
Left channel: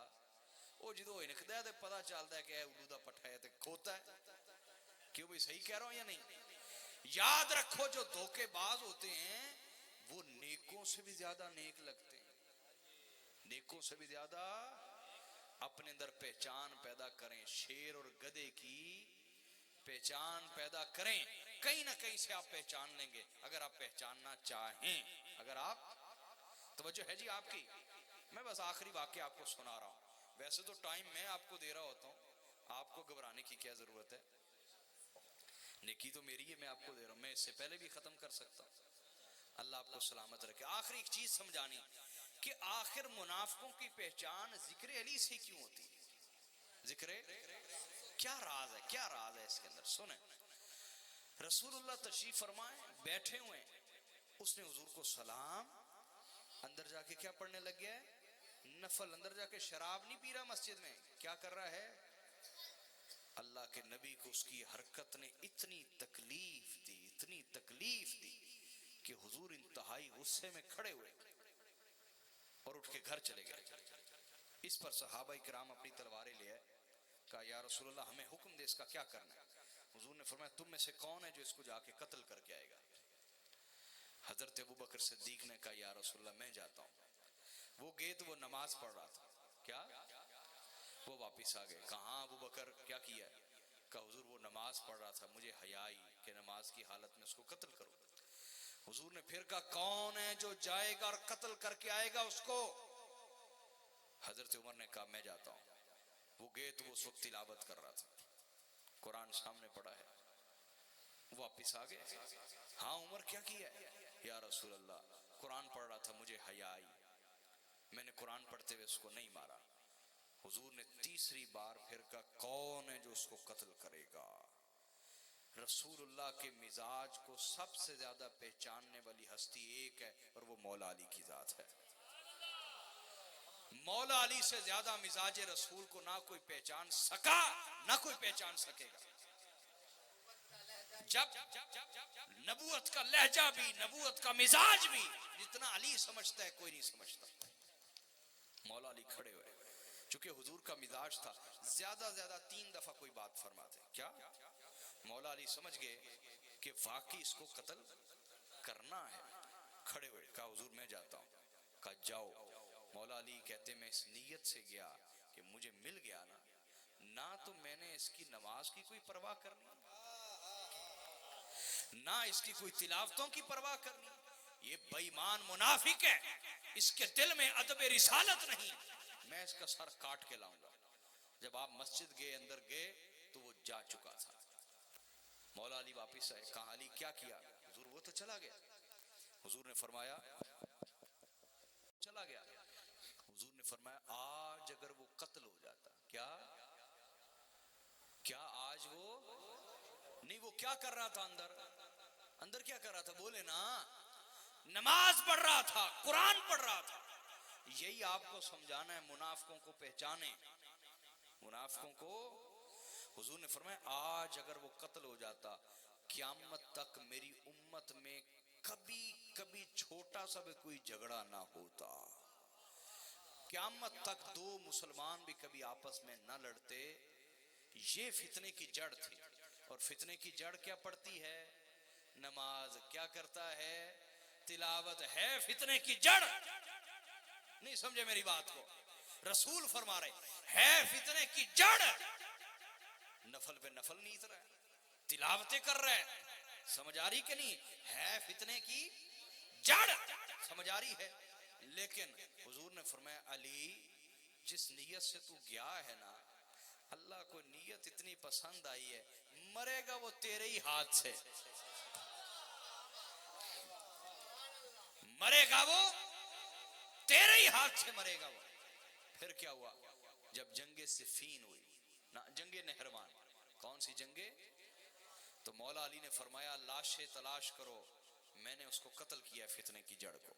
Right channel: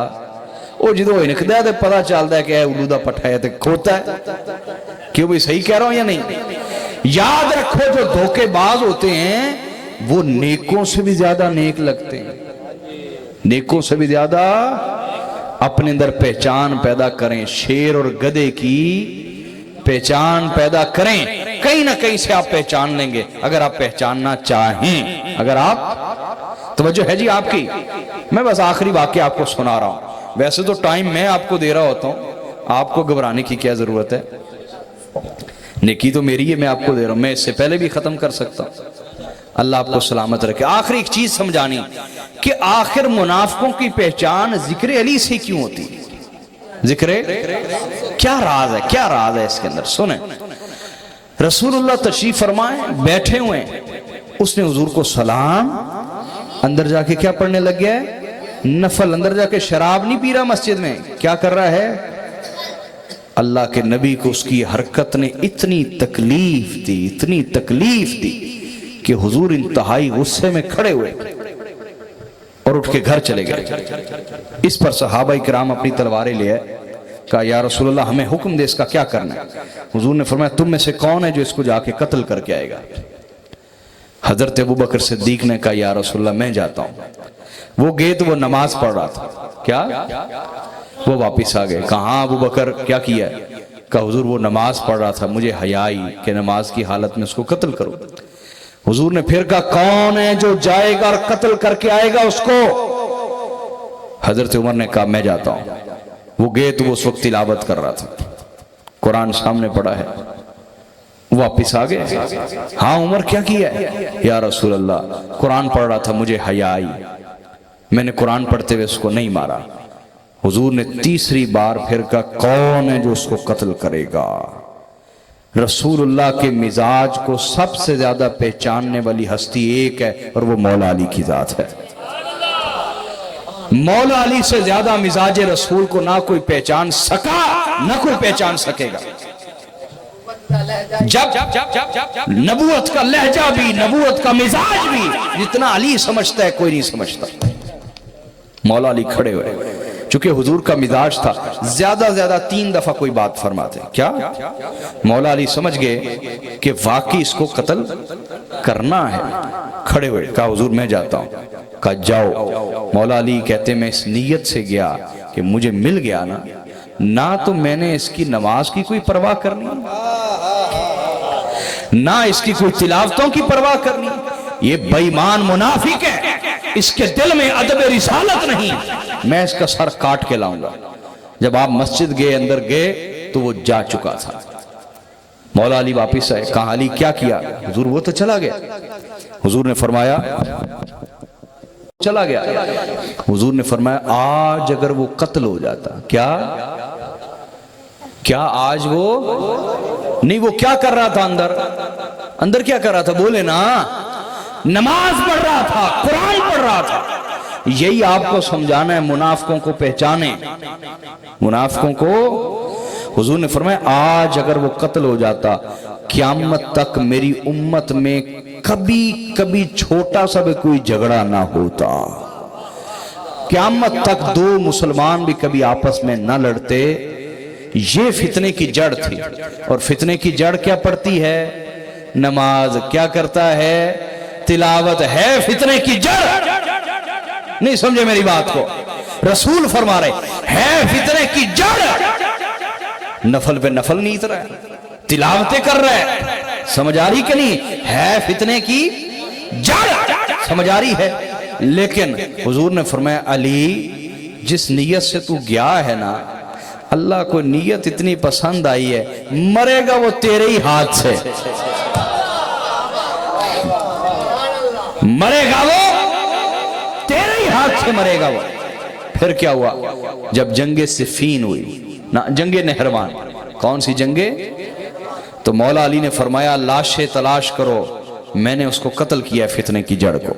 وہ جدو ہنکدا ہے تو پتہ چلتا ہے کہ اے الو دا پٹھا ہے تے کھوتا ہے۔ کیوں بھئی صحیح کہہ رہا ہوں یا نہیں؟ یاد رکھو جو دھوکے باز ہوتے ہیں وہ نیکوں سے بھی زیادہ نیک لگتے ہیں، نیکوں سے بھی زیادہ۔ اپنے اندر پہچان پیدا کریں، شیر اور گدھے کی پہچان پیدا کریں، کہیں نہ کہیں سے آپ پہچان لیں گے اگر آپ پہچاننا چاہیں۔ اگر آپ توجہ ہے جی آپ کی، میں بس آخری واقعہ آپ کو سنا رہا ہوں۔ ویسے تو ٹائم میں آپ کو دے رہا ہوتا ہوں، آپ کو گھبرانے کی کیا ضرورت ہے؟ نیکی تو میری ہے، میں آپ کو دے رہا ہوں، میں اس سے پہلے بھی ختم کر سکتا ہوں۔ اللہ آپ کو سلامت رکھے۔ آخری ایک چیز سمجھانی کہ آخر منافقوں کی پہچان ذکر علی سے کیوں ہوتی ہے؟ ذکر کیا راز ہے، کیا راز ہے اس کے اندر؟ سنیں، رسول اللہ تشریف فرمائیں، بیٹھے ہوئے، اس نے حضور کو سلام، اندر جا کے کیا پڑھنے لگ گیا ہے؟ نفل۔ اندر جا کے شراب نہیں پی رہا، مسجد میں کیا کر رہا ہے؟ اللہ کے نبی کو اس کی حرکت نے اتنی تکلیف دی، اتنی تکلیف دی کہ حضور انتہائی غصے میں کھڑے ہوئے اور اٹھ کے گھر چلے گئے۔ اس پر صحابہ کرام اپنی تلواریں لے آئے، کہا یا رسول اللہ ہمیں حکم دے، اس کا کیا کرنا ہے؟ حضور نے فرمایا تم میں سے کون ہے جو اس کو جا کے قتل کر کے آئے گا؟ حضرت ابوبکر صدیق نے کہا یا رسول اللہ میں جاتا ہوں۔ وہ گئے تو وہ نماز پڑھ رہا تھا، کیا؟ وہ واپس آ گئے، کہاں ابوبکر کیا کیا ہے؟ کہا حضور وہ نماز پڑھ رہا تھا، مجھے حیا آئی کہ نماز کی حالت میں اس کو قتل کروں۔ حضور نے پھر کہا کون ہے جو جائے گا اور قتل کر کے آئے گا اس کو؟ حضرت عمر نے کہا میں جاتا ہوں۔ وہ گئے تو وہ اس وقت تلاوت کر رہا تھا، قرآن سامنے پڑھا ہے، واپس آ گئے۔ ہاں عمر کیا کیا ہے؟ یا رسول اللہ قرآن پڑھ رہا تھا، مجھے حیا آئی، میں نے قرآن پڑھتے ہوئے اس کو نہیں مارا۔ حضور نے تیسری بار پھر کہا کون ہے جو اس کو قتل کرے گا؟ رسول اللہ کے مزاج کو سب سے زیادہ پہچاننے والی ہستی ایک ہے اور وہ مولا علی کی ذات ہے۔ مولا علی سے زیادہ مزاج رسول کو نہ کوئی پہچان سکا، نہ کوئی پہچان سکے گا۔ جب نبوت کا لہجہ بھی، نبوت کا مزاج بھی جتنا علی سمجھتا ہے کوئی نہیں سمجھتا۔ مولا علی کھڑے ہوئے، چونکہ حضور کا مزاج تھا زیادہ زیادہ 3 دفعہ کوئی بات فرماتے. کیا؟ مولا علی سمجھ گئے کہ واقعی اس کو قتل کرنا ہے. کھڑے ہوئے کہا حضور میں جاتا ہوں. کہا جاؤ. مولا علی کہتے میں اس نیت سے گیا کہ مجھے مل گیا نہ تو میں نے اس کی نماز کی کوئی پرواہ کرنی نہ اس کی کوئی تلاوتوں کی پرواہ کرنی. یہ بے ایمان منافق ہے, اس کے دل میں ادب رسالت نہیں, میں اس کا سر کاٹ کے لاؤں گا. جب آپ مسجد گئے اندر گئے تو وہ جا چکا تھا. مولا علی واپس آئے. کہا علی کیا کیا؟ حضور وہ تو چلا گیا. حضور نے فرمایا چلا گیا. حضور نے فرمایا آج اگر وہ قتل ہو جاتا. کیا آج وہ نہیں, وہ کیا کر رہا تھا اندر کیا کر رہا تھا؟ بولے نا, نماز پڑھ رہا تھا, قرآن پڑھ رہا تھا. یہی آپ کو سمجھانا ہے, منافقوں کو پہچانے, منافقوں کو. حضور نے فرمایا آج اگر وہ قتل ہو جاتا قیامت تک میری امت میں کبھی چھوٹا سا بھی کوئی جھگڑا نہ ہوتا. قیامت تک 2 مسلمان بھی کبھی آپس میں نہ لڑتے. یہ فتنے کی جڑ تھی. اور فتنے کی جڑ کیا پڑتی ہے؟ نماز. کیا کرتا ہے؟ تلاوت ہے فتنے کی جڑ. نہیں سمجھے میری بات کو؟ رسول فرما رہے ہے فتنے کی جڑ. نفل پہ نفل نہیں اترا ہے, تلاوتیں کر رہا ہے. سمجھ آ رہی کہ نہیں؟ ہے فتنے کی جڑ. سمجھ آ رہی ہے؟ لیکن حضور نے فرمایا علی جس نیت سے تو گیا ہے نا, اللہ کو نیت اتنی پسند آئی ہے, مرے گا وہ تیرے ہی ہاتھ سے. مرے گا وہ تیرے ہی ہاتھ سے مرے گا وہ. پھر کیا ہوا؟ جب جنگ صفین ہوئی, جنگ نہروان. کون سی جنگیں؟ تو مولا علی نے فرمایا لاشیں تلاش کرو, میں نے اس کو قتل کیا فتنے کی جڑ کو.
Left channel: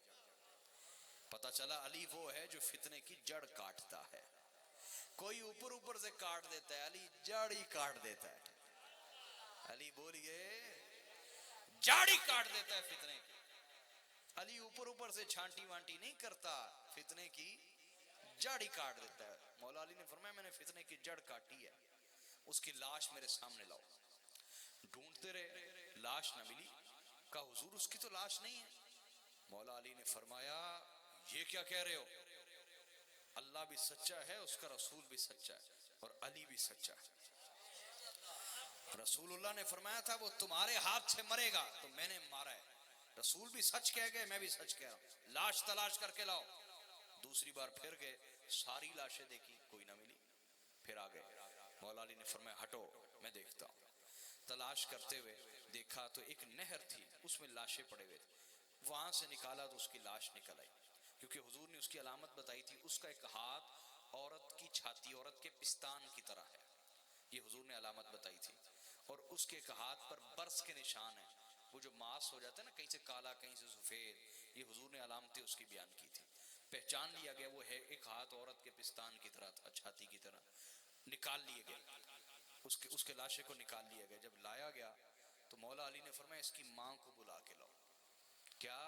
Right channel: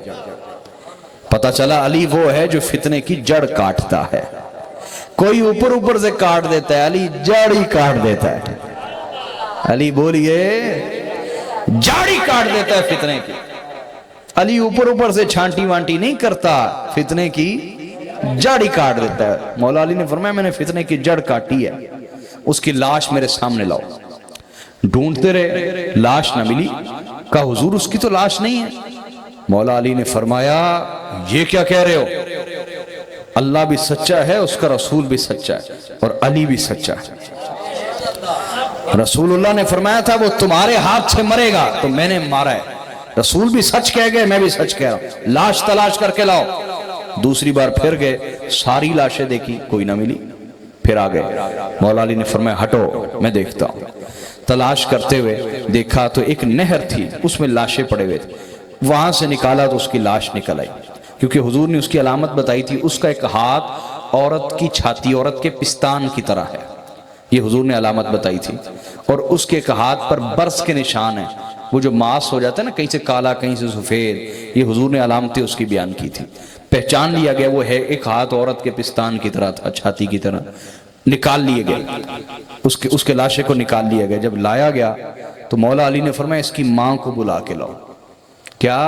پتہ چلا علی وہ ہے جو فتنے کی جڑ کاٹتا ہے. کوئی اوپر سے کاٹ دیتا ہے, علی جڑ ہی کاٹ دیتا ہے. علی بولیے جڑ ہی کاٹ دیتا ہے فتنے کی. علی اوپر سے چھانٹی وانٹی نہیں کرتا, فتنے کی جڑ ہی کاٹ دیتا ہے. مولا علی نے فرمایا میں نے فتنے کی جڑ کاٹی ہے, اس کی لاش میرے سامنے لاؤ. ڈھونڈتے رہے, لاش نہ ملی. کہا حضور اس کی تو لاش نہیں ہے. مولا علی نے فرمایا یہ کیا کہہ رہے ہو؟ اللہ بھی سچا ہے, اس کا رسول بھی سچا ہے, اور علی بھی سچا ہے. رسول اللہ نے فرمایا تھا وہ تمہارے ہاتھ سے مرے گا, تو میں نے مارا ہے. رسول بھی سچ کہہ گئے, میں بھی سچ کہہ رہا ہوں. لاش تلاش کر کے لاؤ. دوسری بار پھر گئے, ساری لاشیں دیکھی, کوئی نہ ملی. پھر آ گئے. مولا علی نے فرمایا ہٹو میں دیکھتا ہوں. تلاش کرتے ہوئے دیکھا تو ایک نہر تھی, اس میں لاشیں پڑے ہوئے تھے. وہاں سے نکالا تو اس کی لاش نکل آئی, کیونکہ حضور نے اس کی علامت بتائی تھی. اس کا ایک ہاتھ عورت کی چھاتی, عورت کے پستان کی طرح ہے, یہ حضور نے علامت بتائی تھی. اور اس کے ایک ہاتھ پر برس کے نشان ہیں, وہ جو ماس ہو جاتا ہے نا, کہیں سے کالا کہیں سے سفید, یہ حضور نے علامتیں اس کی بیان کی تھی. پہچان لیا گیا وہ ہے, ایک ہاتھ عورت کے پستان کی طرح تھا, چھاتی کی طرح. نکال لیے گئے, اس کے لاشے کو نکال لیا گیا. جب لایا گیا تو مولا علی نے فرمایا اس کی ماں کو بلا کے لاؤ. کیا؟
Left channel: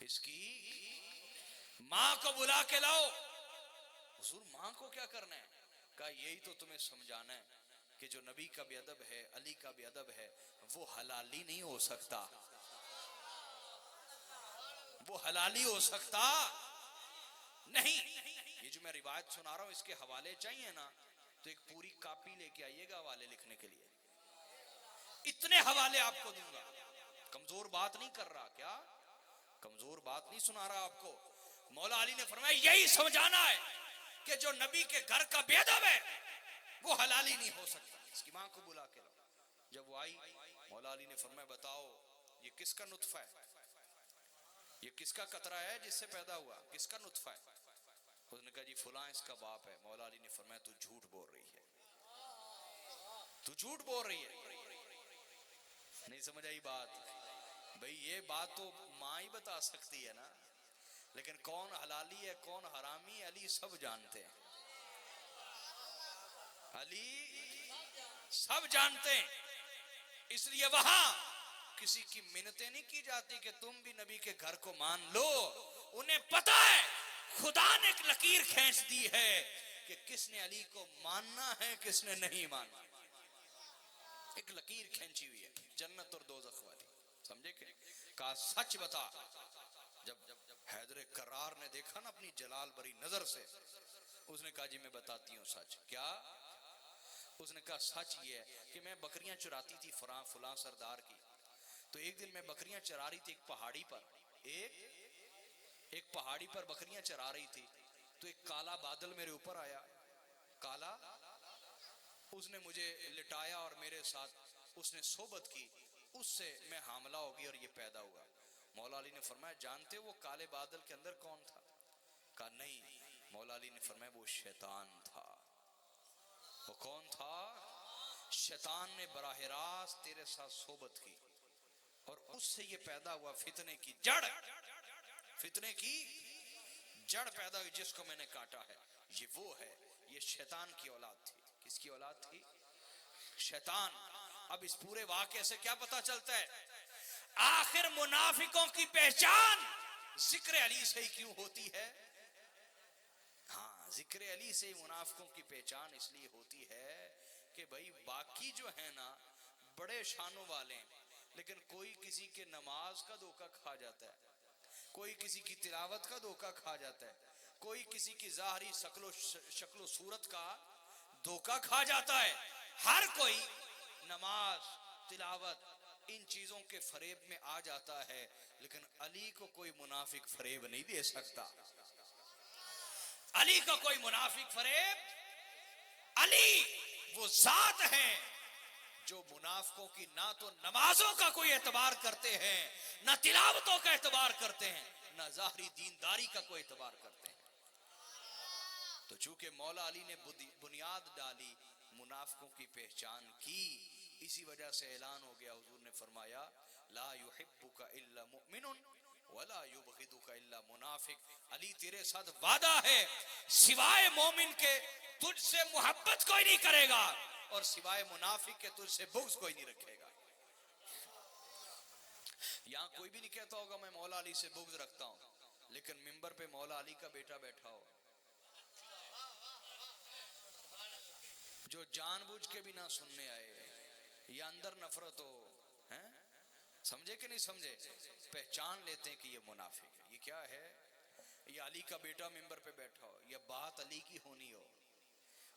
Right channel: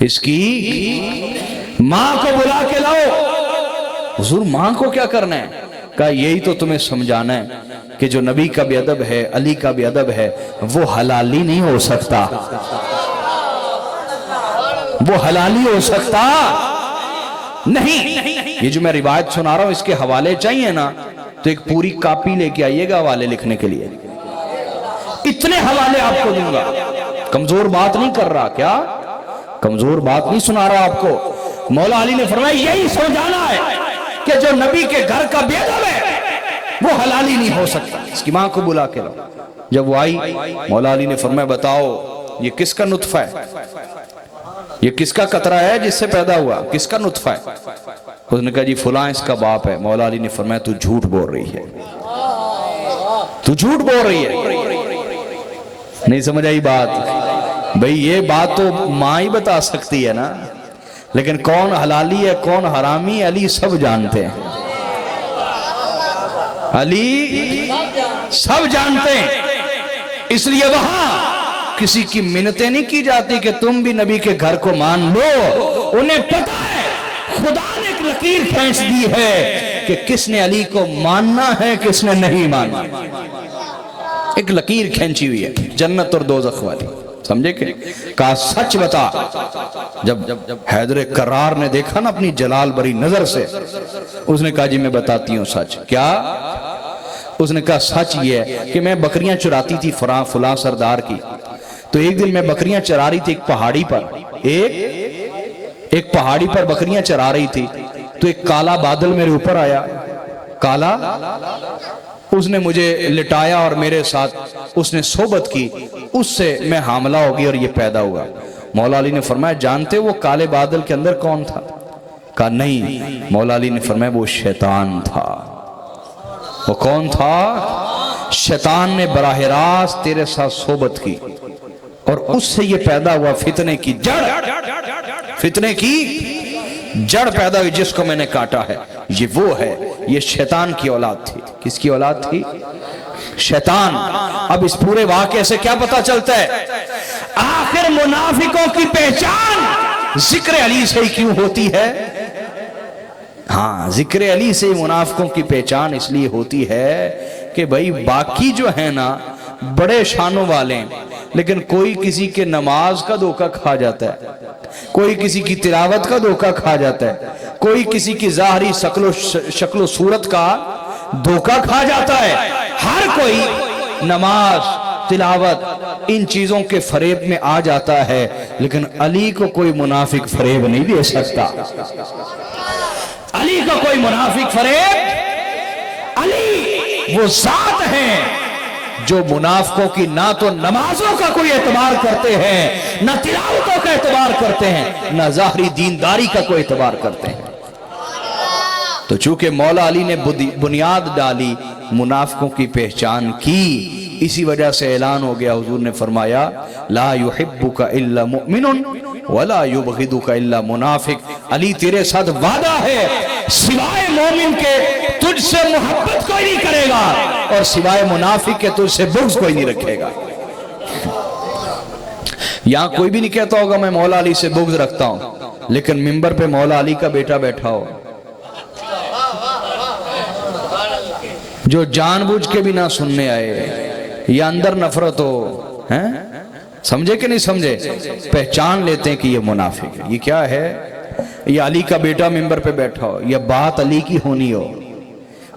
اس کی ماں کو بلا کے لاؤ. حضور ماں کو کیا کرنا ہے؟ کہا یہی تو تمہیں سمجھانا ہے کہ جو نبی کا بھی ادب ہے, علی کا بھی ادب ہے, وہ حلالی نہیں ہو سکتا. وہ حلالی ہو سکتا نہیں. یہ جو میں روایت سنا رہا ہوں اس کے حوالے چاہیے نا, تو ایک پوری کاپی لے کے آئیے گا حوالے لکھنے کے لیے. اتنے حوالے آپ کو دوں گا. کمزور بات نہیں کر رہا, کیا کمزور بات نہیں سنا رہا آپ کو. مولا علی نے فرمایا یہی سمجھانا ہے کہ جو نبی کے گھر کا بے ادب ہے وہ حلالی نہیں ہو سکتا. اس کی ماں کو بلا کے لاؤ. جب وہ آئی, مولا علی نے فرمایا بتاؤ یہ کس کا نطفہ ہے, یہ کس کا قطرہ ہے جس سے پیدا ہوا, کس کا نطفہ ہے؟ اس نے کہا جی فلاں اس کا باپ ہے. مولا علی نے فرمایا تو جھوٹ بول رہی ہے, تو جھوٹ بول رہی ہے. نہیں سمجھ آئی بات؟ بھئی یہ بات تو ماں ہی بتا سکتی ہے نا, لیکن کون حلالی ہے کون حرامی, علی سب جانتے ہیں. علی سب جانتے ہیں. اس لیے وہاں کسی کی منتیں نہیں کی جاتی کہ تم بھی نبی کے گھر کو مان لو. انہیں پتا ہے خدا نے ایک لکیر کھینچ دی ہے کہ کس نے علی کو ماننا ہے کس نے نہیں ماننا. ایک لکیر کھینچی ہوئی ہے جنت اور دوزخ والی, سمجھے کہ کہا سچ بتا. جب حیدر کرار نے دیکھا نا اپنی جلال بری نظر سے, اس نے کہا جی میں بتاتی ہوں سچ. کیا؟ اس نے کہا سچ یہ ہے کہ میں بکریاں چراتی تھی فلاں سردار کی, تو ایک دن میں بکریاں چرا رہی تھی ایک پہاڑی پر, ایک پہاڑی پر بکریاں چرا رہی تھی, تو ایک کالا بادل میرے اوپر آیا, کالا, اس نے مجھے لٹایا اور میرے ساتھ اس نے صحبت کی, اس سے میں حاملہ ہو گئی اور یہ پیدا ہوا. مولا علی نے فرمایا جانتے وہ کالے بادل کے اندر کون تھا؟ کہا نہیں. مولا علی نے فرمایا وہ شیطان تھا. وہ کون تھا؟ شیطان نے براہ راست تیرے ساتھ صحبت کی اور اس سے یہ پیدا ہوا فتنے کی جڑ, فتنے کی جڑ پیدا ہوئی جس کو میں نے کاٹا ہے. یہ وہ ہے, یہ شیطان کی اولاد تھی. کس کی اولاد تھی؟ شیطان. اب اس پورے واقعے سے کیا پتا چلتا ہے؟ آخر منافقوں کی پہچان ذکر علی سے ہی کیوں ہوتی ہے؟ ہاں, ذکر علی سے منافقوں کی پہچان اس لیے ہوتی ہے کہ بھائی باقی جو ہے نا بڑے شانوں والے ہیں, لیکن کوئی کسی کے نماز کا دھوکہ کھا جاتا ہے, کوئی کسی کی تلاوت کا دھوکہ کھا جاتا ہے, کوئی کسی کی ظاہری شکل و صورت کا دھوکہ کھا جاتا ہے. ہر کوئی نماز تلاوت ان چیزوں کے فریب میں آ جاتا ہے, لیکن علی کو کوئی منافق فریب نہیں دے سکتا. علی کا کوئی منافق فریب, علی وہ ذات ہیں جو منافقوں کی نہ تو نمازوں کا کوئی اعتبار کرتے ہیں, نہ تلاوتوں کا اعتبار کرتے ہیں, نہ ظاہری دینداری کا کوئی اعتبار کرتے ہیں. تو چونکہ مولا علی نے بنیاد ڈالی, منافقوں کی پہچان کی, اسی وجہ سے اعلان ہو گیا, حضور نے فرمایا لا یحبک الا مؤمن ولا یبغضک الا منافق. علی تیرے ساتھ وعدہ ہے سوائے مومن کے تجھ سے محبت کوئی نہیں کرے گا, اور سوائے منافق کے تجھ سے بغض کوئی نہیں رکھے گا. یہاں کوئی بھی نہیں کہتا ہوگا میں مولا علی سے بغض رکھتا ہوں, لیکن منبر پہ مولا علی کا بیٹا بیٹھا ہو جو جان بوجھ کے بھی نہ سننے آئے, یا اندر نفرت ہو, سمجھے کہ نہیں سمجھے, پہچان لیتے ہیں کہ یہ منافق ہے. یہ کیا ہے؟ یہ علی کا بیٹا منبر پہ بیٹھا ہو, یا بات علی کی ہونی ہو.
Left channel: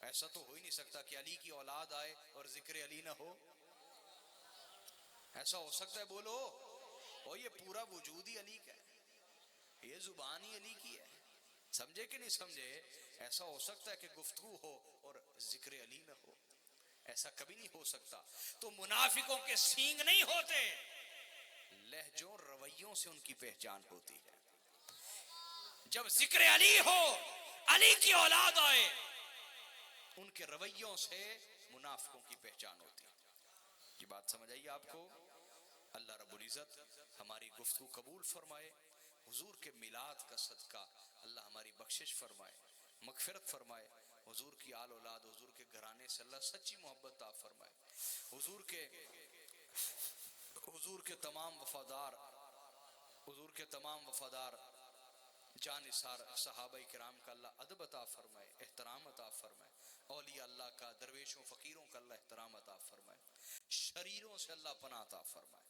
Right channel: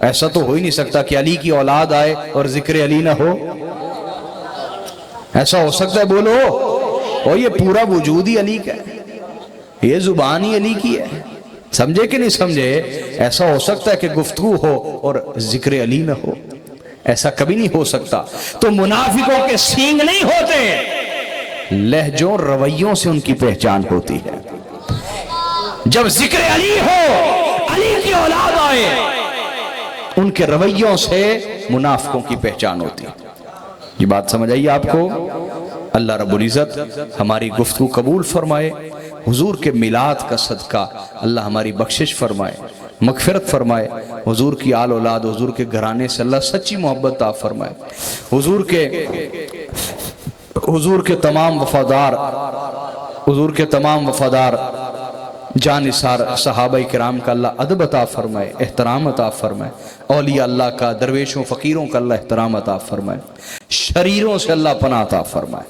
ایسا تو ہو ہی نہیں سکتا کہ علی کی اولاد آئے اور ذکر علی نہ ہو. ایسا ہو سکتا ہے؟ بولو. اور یہ پورا وجود ہی علی کا ہے, یہ زبان ہی علی کی ہے. سمجھے کہ نہیں سمجھے؟ ایسا ہو سکتا ہے کہ گفتگو ہو اور ذکر علی نہ ہو؟ ایسا کبھی نہیں ہو سکتا. تو منافقوں کے سینگ نہیں ہوتے, لہجوں رویوں سے ان کی پہچان ہوتی ہے. جب ذکر علی ہو, علی کی اولاد آئے, ان کے رویوں سے منافقوں کی پہچان ہوتی ہے. یہ بات سمجھ آئیے آپ کو؟ اللہ رب العزت ہماری گفتگو قبول فرمائے. حضور کے میلاد کا صدقہ اللہ ہماری بخشش فرمائے, مغفرت فرمائے. حضور کی آل اولاد, حضور کے گھرانے سے اللہ سچی محبت عطا فرمائے. حضور کے تمام وفادار جانثار صحابہ کرام کا اللہ ادب عطا فرمائے, احترام عطا فرمائے. اولیاء اللہ کا, درویشوں فقیروں کا اللہ احترام عطا فرمائے. شریروں سے اللہ پناہ عطا فرمائے.